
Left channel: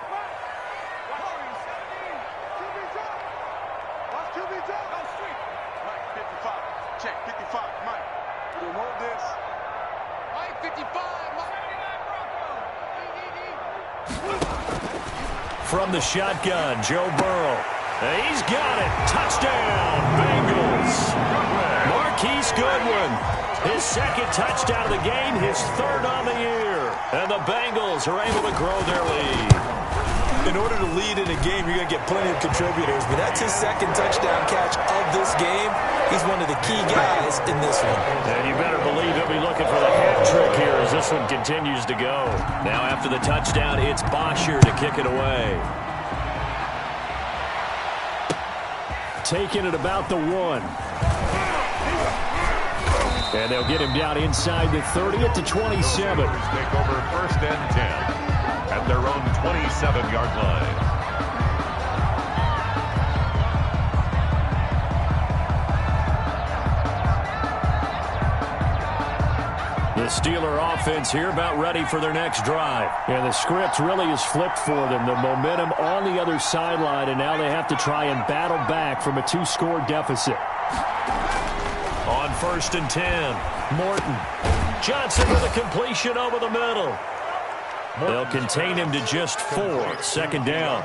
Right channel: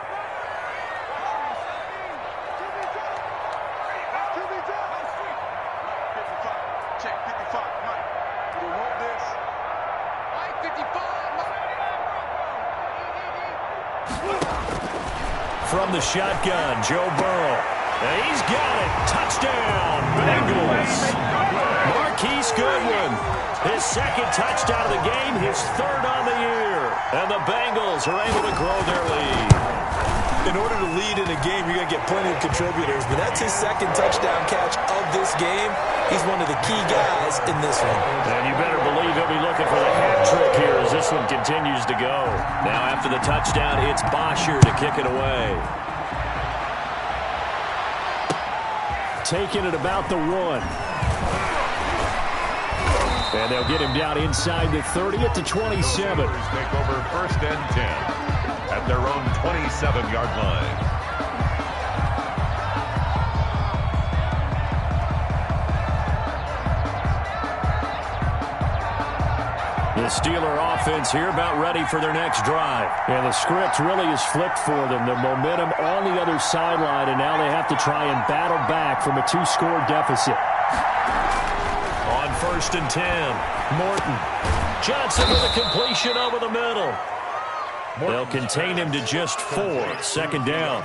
From the shotgun, Joe Burrow. He's got it. Touchdown, Bengals. Marquise Goodwin. His 2nd touchdown of the game, his 3rd on the year. And the Bengals are able to grow their lead. In order to lead in a game, you're going to get plenty of contributors, but that's his 2nd touchdown catch of this game. He's one of the key guys in this one. And you better believe he'll be looking for the hat trick here as this one continues to go. Now after the touchdown, it's Bosher to kick it away. Taking it about the 1. And they'll get him down inside the 30 at the 27. Take over 1st and 10 at their own 27-yard line. The Steeler offense here about ready for their next drive. And the script really is flipped for them. The momentum on the other sideline, and now they have to try and battle back from a 2-score deficit. On 1st and 10, Morton. Johnson with a completion over the middle. They'll contain him to just 4. 2nd down.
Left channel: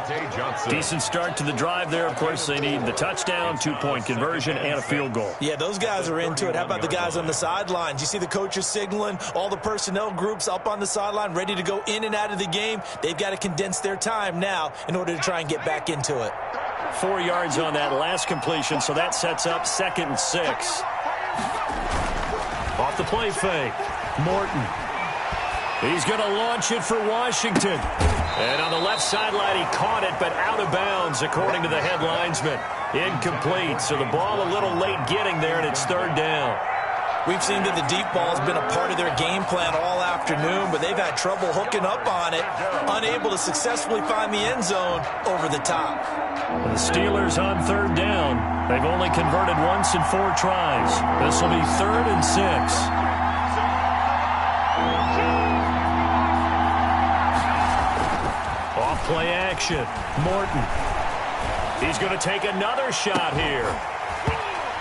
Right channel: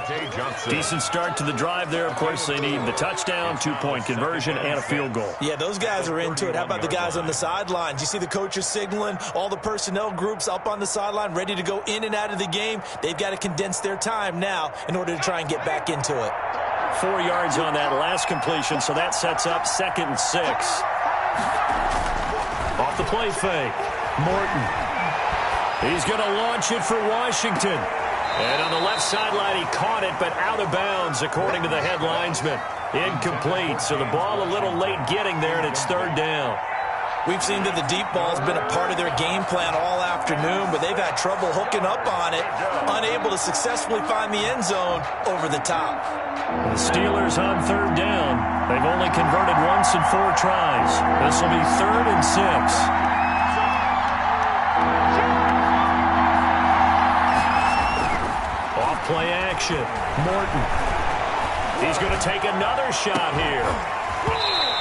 Decent start to the drive there. Of course, they need the touchdown, 2-point conversion, and a field goal. Yeah, those guys are into it. How about the guys on the sidelines? You see the coaches signaling, all the personnel groups up on the sideline ready to go in and out of the game. They've got to condense their time now in order to try and get back into it. 4 yards on that last completion, so that sets up 2nd and 6. Off the play fake, Morton. He's going to launch it for Washington. And on the left sideline, he caught it, but out of bounds, according to the head linesman. Incomplete, so the ball a little late getting there, and it's 3rd down. We've seen that the deep ball has been a part of their game plan all afternoon, but they've had trouble hooking up on it, unable to successfully find the end zone over the top. The Steelers on 3rd down. They've only converted once in 4 tries. This will be 3rd and 6. Off play action, Morton. He's going to take another shot here.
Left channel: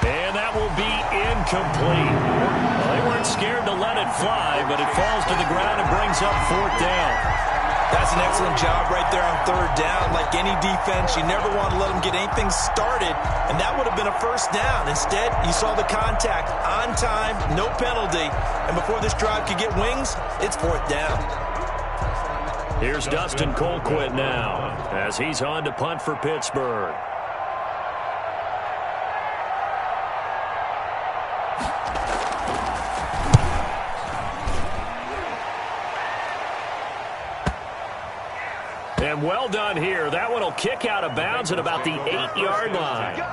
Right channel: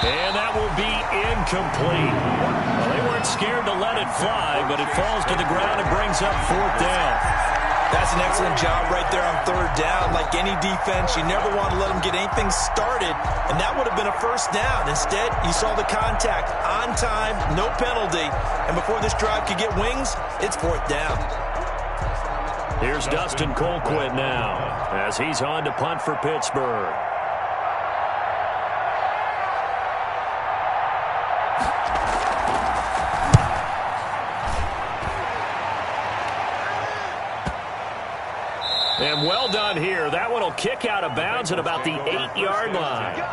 And that will be incomplete. Well, they weren't scared to let it fly, but it falls to the ground and brings up 4th down. That's an excellent job right there on 3rd down. Like any defense, you never want to let them get anything started, and that would have been a 1st down. Instead, you saw the contact on time, no penalty, and before this drive could get wings, it's 4th down. Here's Dustin Colquitt now as he's on to punt for Pittsburgh. And well done here. That one will kick out of bounds at about the 8-yard line.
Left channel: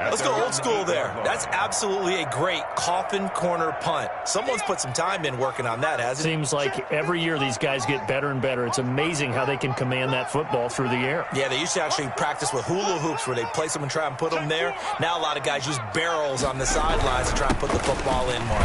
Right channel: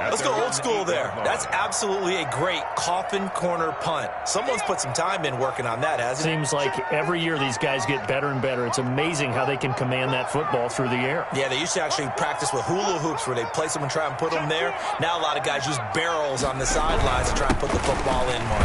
Let's go old school there. That's absolutely a great coffin corner punt. Someone's put some time in working on that, hasn't it? Seems like every year these guys get better and better. It's amazing how they can command that football through the air. Yeah, they used to actually practice with hula hoops where they place them and try and put them there. Now a lot of guys use barrels on the sidelines to try and put the football in more.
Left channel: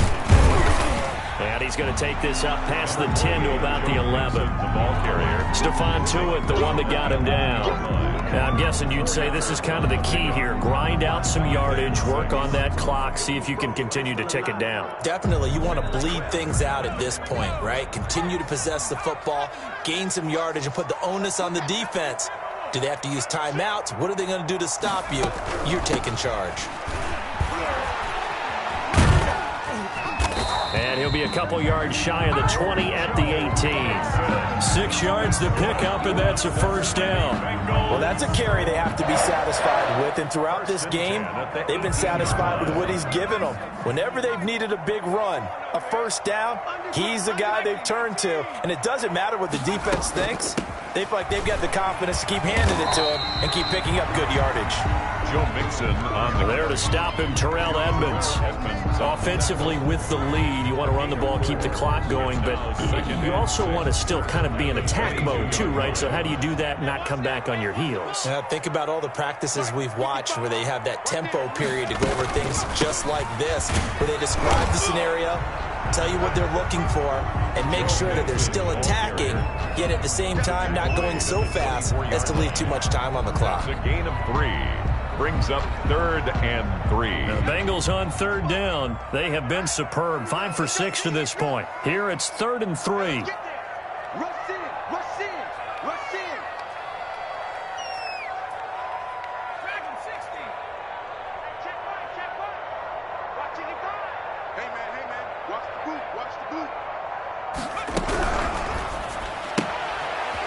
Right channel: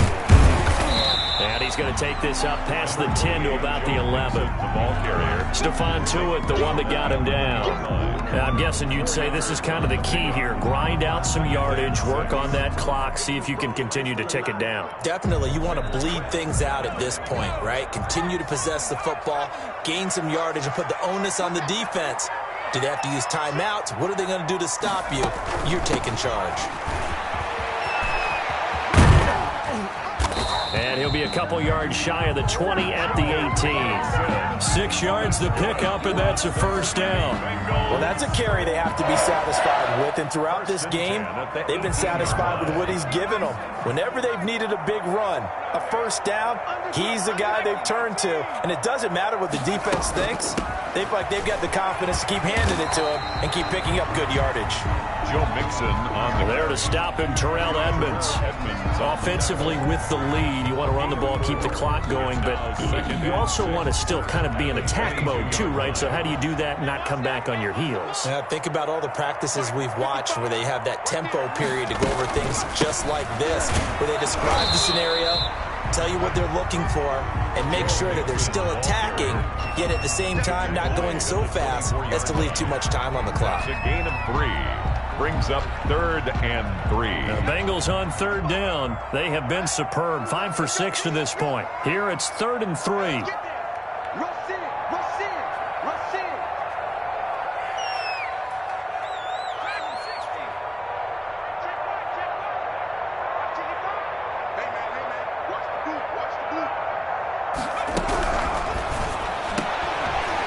And he's going to take this up past the 10 to about the 11. The ball carrier. Stephon Tuitt, the one that got him down. Now, I'm guessing you'd say this is kind of the key here. Grind out some yardage, work on that clock, see if you can continue to tick it down. Definitely. You want to bleed things out at this point, right? Continue to possess the football, gain some yardage, and put the onus on the defense. Do they have to use timeouts? What are they going to do to stop you? You're taking charge. And he'll be a couple yards shy of the 20 at the 18. 6 yards to pick up, and that's a 1st down. Well, that's a carry they have to be satisfied with, and throughout this game, they've been satisfied with what he's given them. Whenever they've needed a big run, a 1st down, he's the guy they've turned to, and it doesn't matter what the defense thinks. They feel like they've got the confidence to keep handing it to him and keep picking up good yardage. Joe Mixon on the there to stop him, Terrell Edmunds. Offensively with the lead, you want to run the ball, keep the clock going, but you also want to still kind of be in attack mode too, right? So how do you do that and not come back on your heels? Think about all the practices we've watched where they have that tempo period to go over things just like this, where they describe the scenario, tell you what they're looking for, and make sure that they're still attacking, yet at the same time not going so fast as to leave too much time on the clock. It's a gain of 3. Brings up 3rd and 3. The Bengals on 3rd down. They have been superb. 5 for 6 to this point. Here it's 3rd and 3. Rush in, rush in, rush in. Dragon 60. Check right. Watch it, hey man, watch the boot,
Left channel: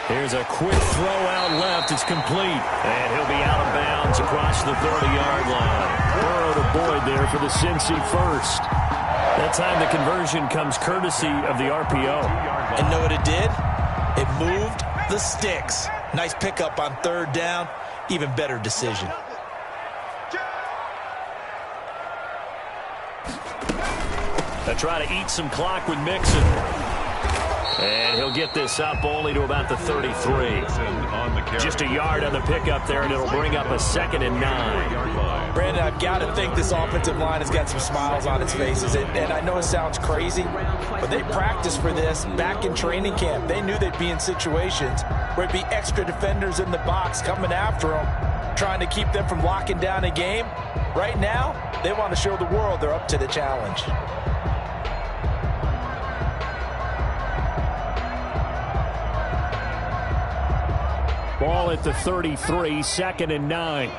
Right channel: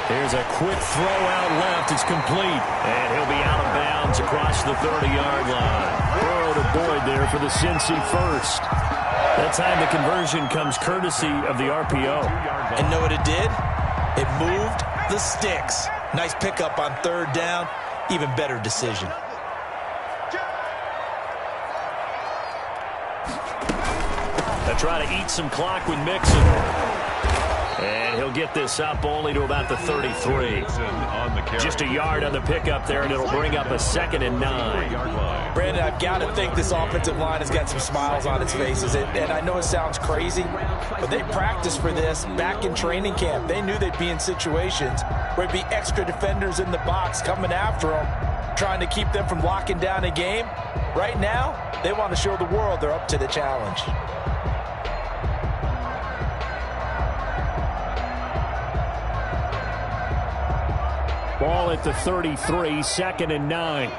Here's a quick throw out left. It's complete. And he'll be out of bounds across the 30-yard line. Burrow to Boyd there for the Cincy 1st. That time the conversion comes courtesy of the RPO. And know what it did? It moved the sticks. Nice pickup on 3rd down. Even better decision. They try to eat some clock with Mixon. And he'll get this up only to about the 33. Just a yard on the pickup there, and it'll bring up a 2nd and 9. Brandon, I've got to think this offensive line has got some smiles on its faces. And I know it sounds crazy, but they practiced for this back in training camp. They knew they'd be in situations where there'd be extra defenders in the box coming after them, trying to keep them from locking down a game. Right now, they want to show the world they're up to the challenge. Ball at the 33, 2nd and 9.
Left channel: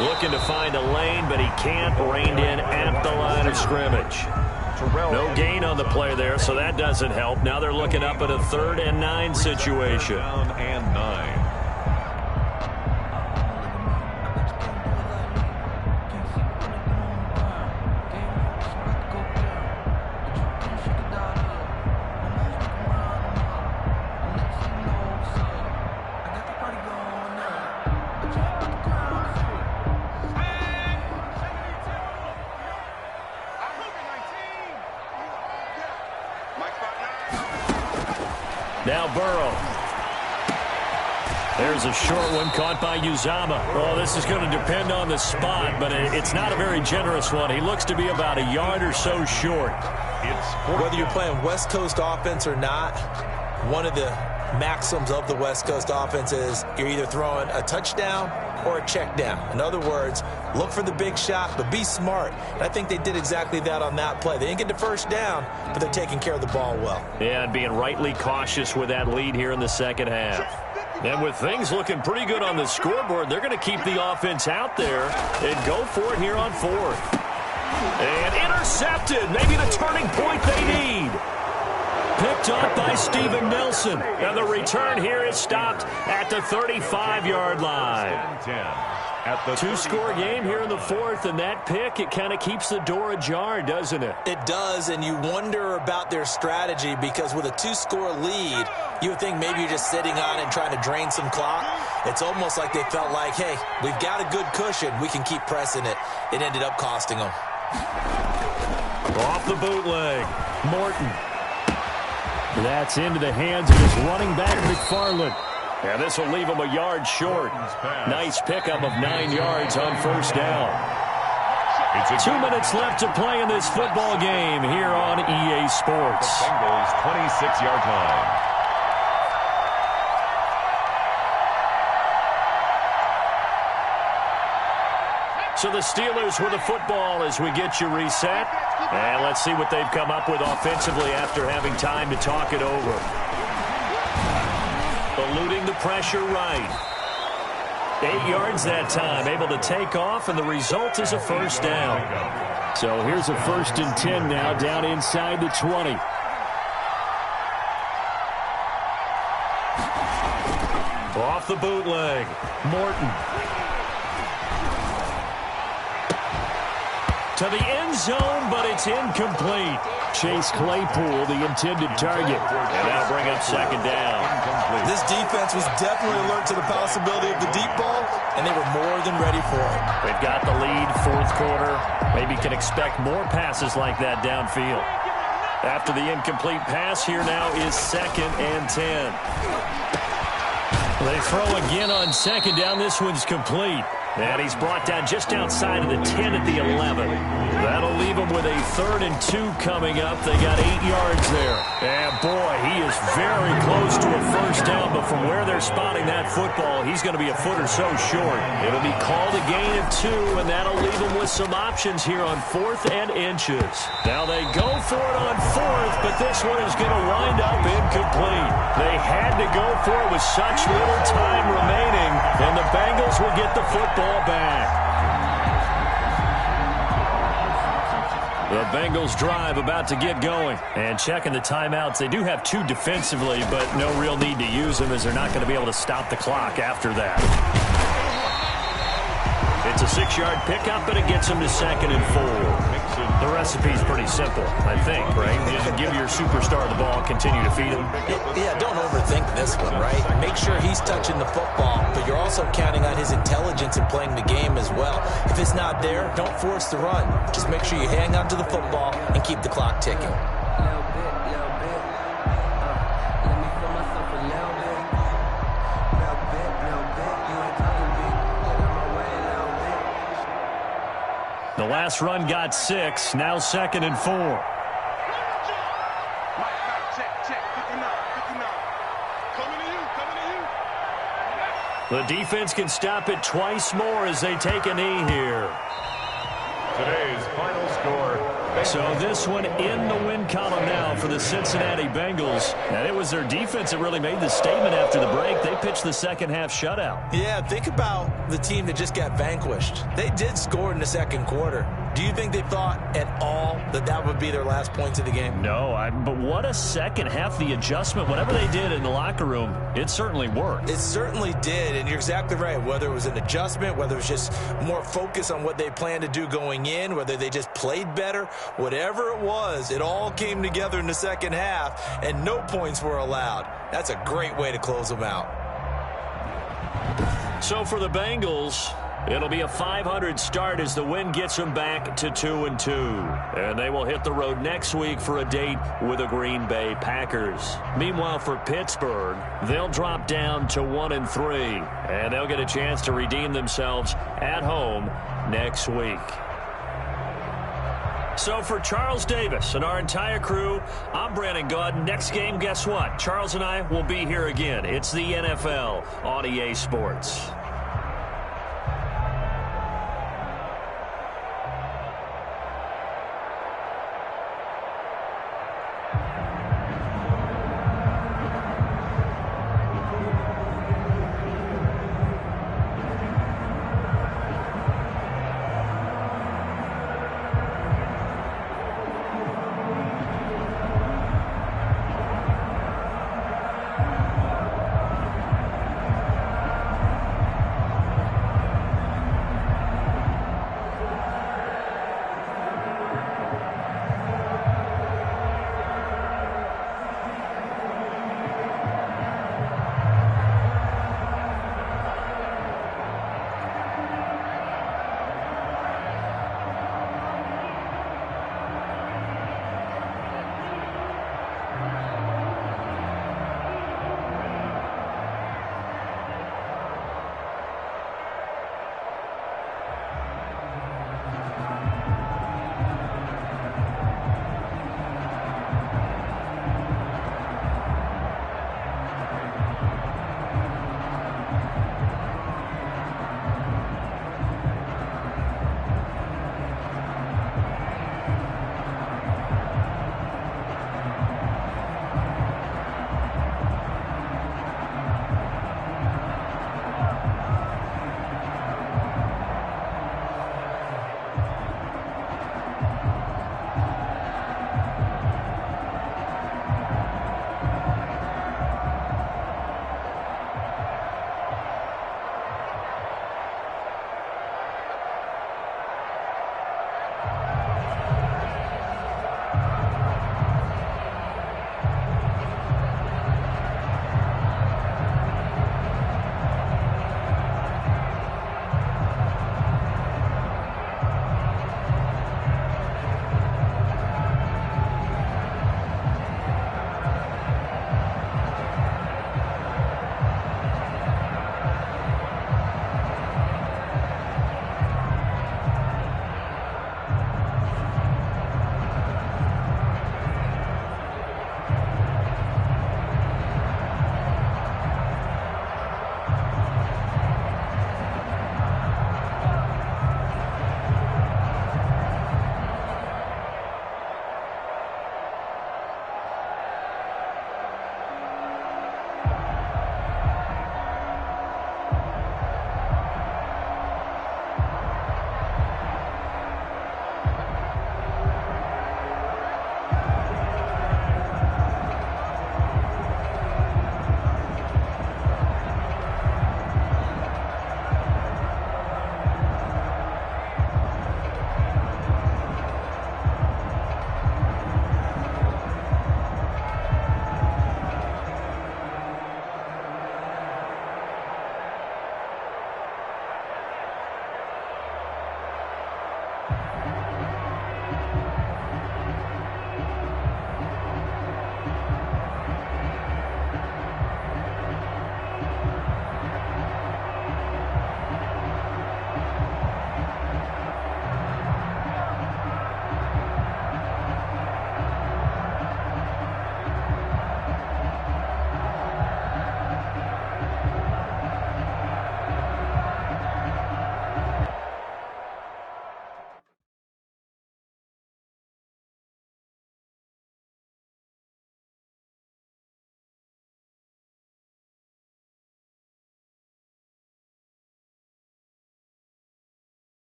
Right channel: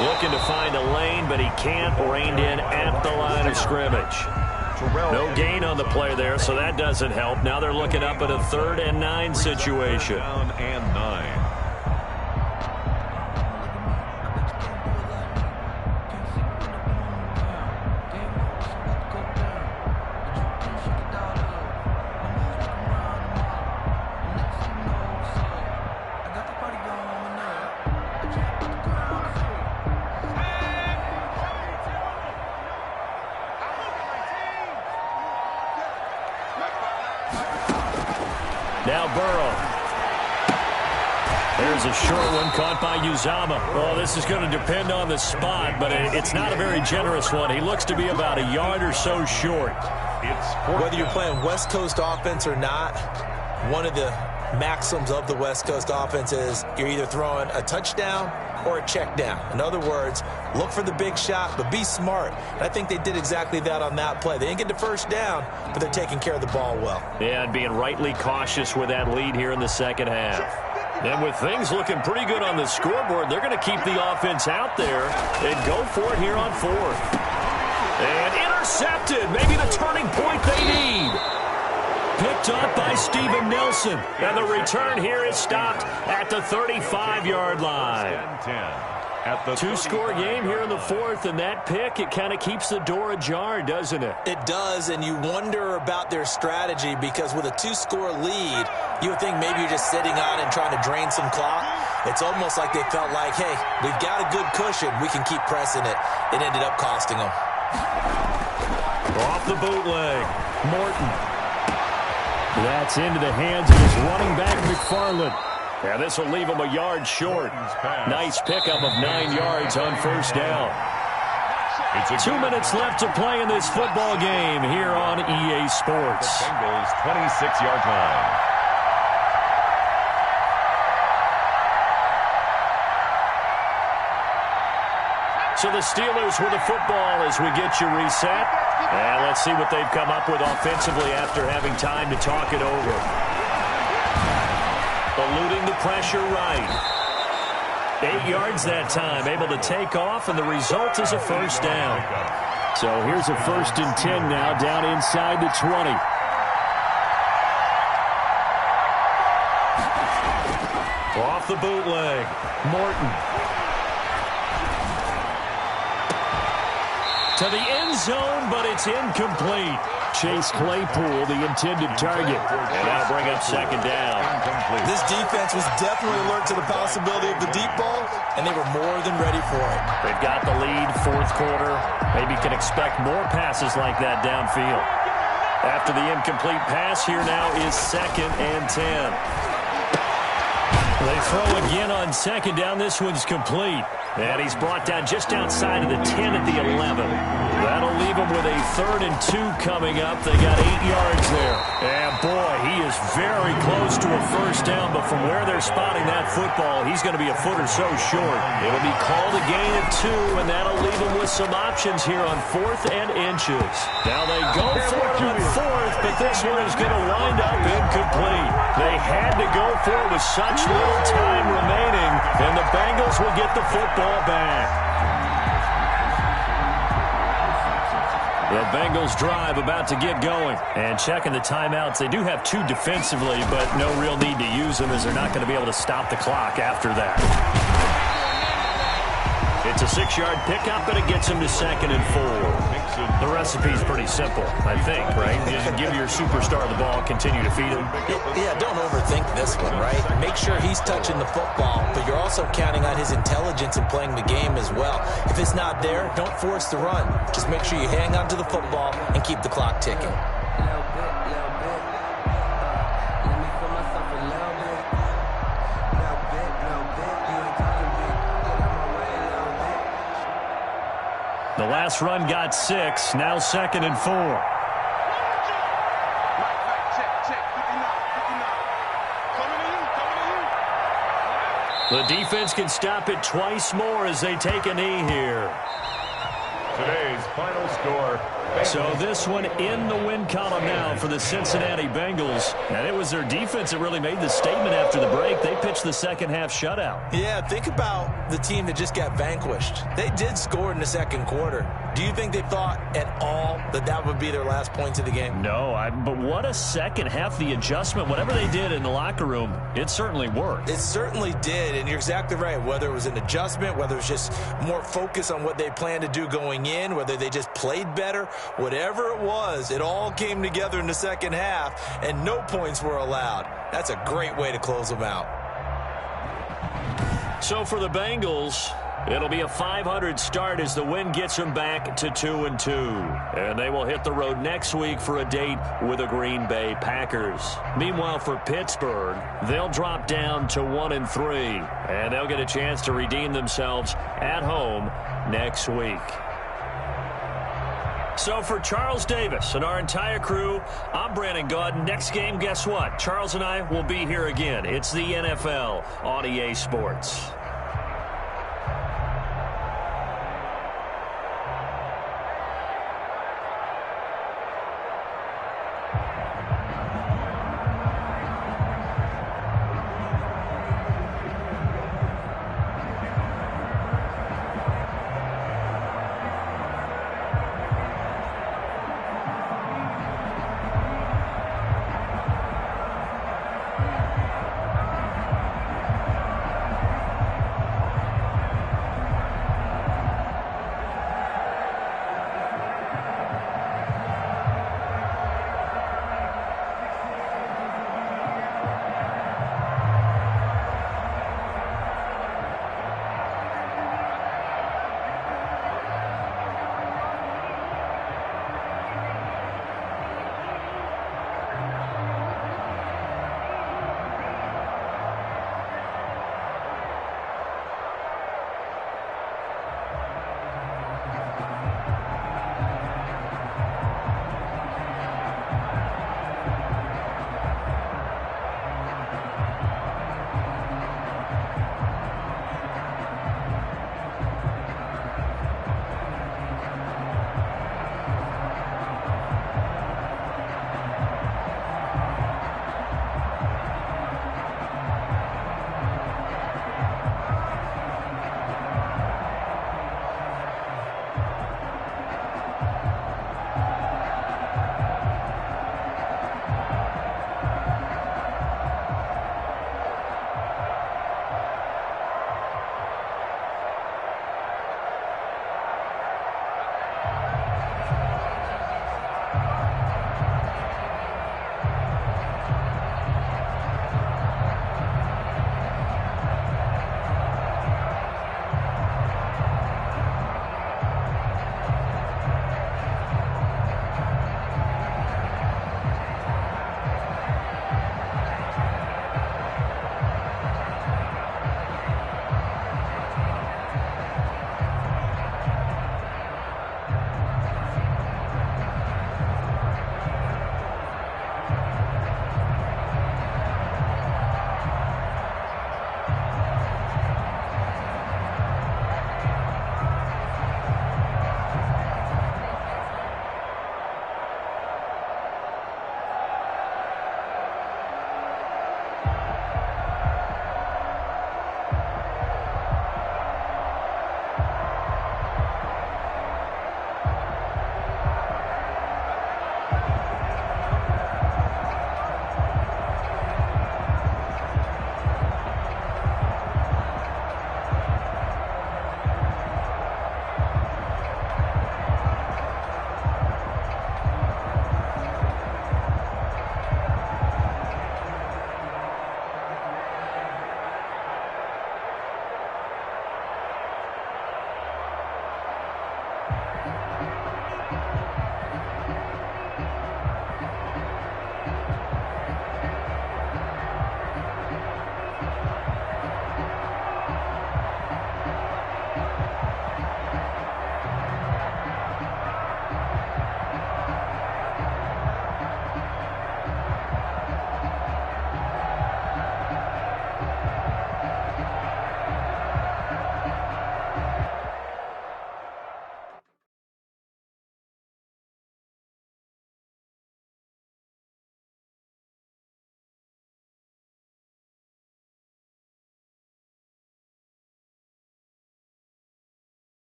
Looking to find a lane, but he can't. Reined in at the line of scrimmage. No gain on the play there, so that doesn't help. Now they're looking up at a 3rd and 9 situation. Down and 9. Now Burrow. There's a short one caught by Uzomah. Oh, this is going to depend on the spot, but it's not a very generous one. He looks to be about a yard or so short. Whether you're playing West Coast offense or not, one of the maxims of the West Coast offense is you're either throwing a touchdown or a check down. In other words, look for the big shot, but be smart. And I think they did exactly that on that play. They didn't get the first down, but they're taking care of the ball well. Yeah, and being rightly cautious with that lead here in the second half. And with things looking pretty good on the scoreboard, they're going to keep the offense out there and go for it here on 4th. And intercepted. Maybe the turning point they need. Picked up by Steven Nelson. And the return here is stopped at the 35-yard line. Two-score game here in the 4th, and that pick, it kind of keeps the door ajar, doesn't it? It does, and you wonder about their strategy because with a 2-score lead, you would think maybe you're just sitting on and trying to drain some clock. It's almost like they felt like, hey, we've got a good cushion. We can keep pressing it. It ended up costing them. Off the bootleg, Morton. That's into the hands of his running back, McFarland. And this will leave him a yard short. Nice pickup of 9 yards on first down. 2 minutes left to play in this football game here on EA Sports. The Bengals 26-yard line. So the Steelers with the football as we get you reset. And let's see what they've come up with offensively after having time to talk it over. Eluding the pressure right. 8 yards that time, able to take off, and the result is a first down. So here's a 1st and 10 now, down inside the 20. Off the bootleg, Morton. To the end zone, but it's incomplete. Chase Claypool, the intended target. And that'll bring up 2nd down. This defense was definitely alert to the possibility of the deep ball, and they were more than ready for it. They've got the lead, 4th quarter. Maybe can expect more passes like that downfield. After the incomplete pass, here now is 2nd and 10. They throw again on 2nd down. This one's complete. And he's brought down just outside of the 10 at the 11. That'll leave him with a 3rd and 2 coming up. They got 8 yards there. And boy, he is very close to a first down, but from where they're spotting that football, he's going to be a foot or so short. It'll be called a gain of 2, and that'll leave him with some options here on 4th and inches. Now they go for it on 4th, but this one is going to wind up incomplete. They had to go for it with such little time remaining, and the Bengals will get the football back. The Bengals drive about to get going. And checking the timeouts. They do have 2 defensively, but no real need to use them as they're not going to be able to stop the clock after that. It's a 6-yard pickup, and it gets him to 2nd and 4. The recipe's pretty simple, I think, right? You just give your superstar the ball, continue to feed him. Yeah, don't overthink this one, right? Make sure he's touching the football, but you're also counting on his intelligence in playing the game as well. If it's not there, don't force the run. Just make sure you hang on to the football and keep the clock ticking. The last run got 6, now 2nd and 4. Mike, check. 59. Coming to you. The defense can stop it twice more as they take a knee here. Today's final score. So this one in the win column now for the Cincinnati Bengals. And it was their defense that really made the statement after the break. They pitched the second half shutout. Yeah, think about the team that just got vanquished. They did score in the second quarter. Do you think they thought at all that that would be their last points of the game? No, but what a second half. The adjustment, whatever they did in the locker room, it certainly worked. It certainly did, and you're exactly right. Whether it was an adjustment, whether it was just more focus on what they planned to do going in, whether they just played better, whatever it was, it all came together in the second half, and no points were allowed. That's a great way to close them out. So for the Bengals, it'll be a .500 start as the win gets them back to 2-2. And they will hit the road next week for a date with the Green Bay Packers. Meanwhile, for Pittsburgh, they'll drop down to 1-3. And they'll get a chance to redeem themselves at home next week. So for Charles Davis and our entire crew, I'm Brandon Gaudin. Next game, guess what? Charles and I will be here again. It's the NFL on EA Sports.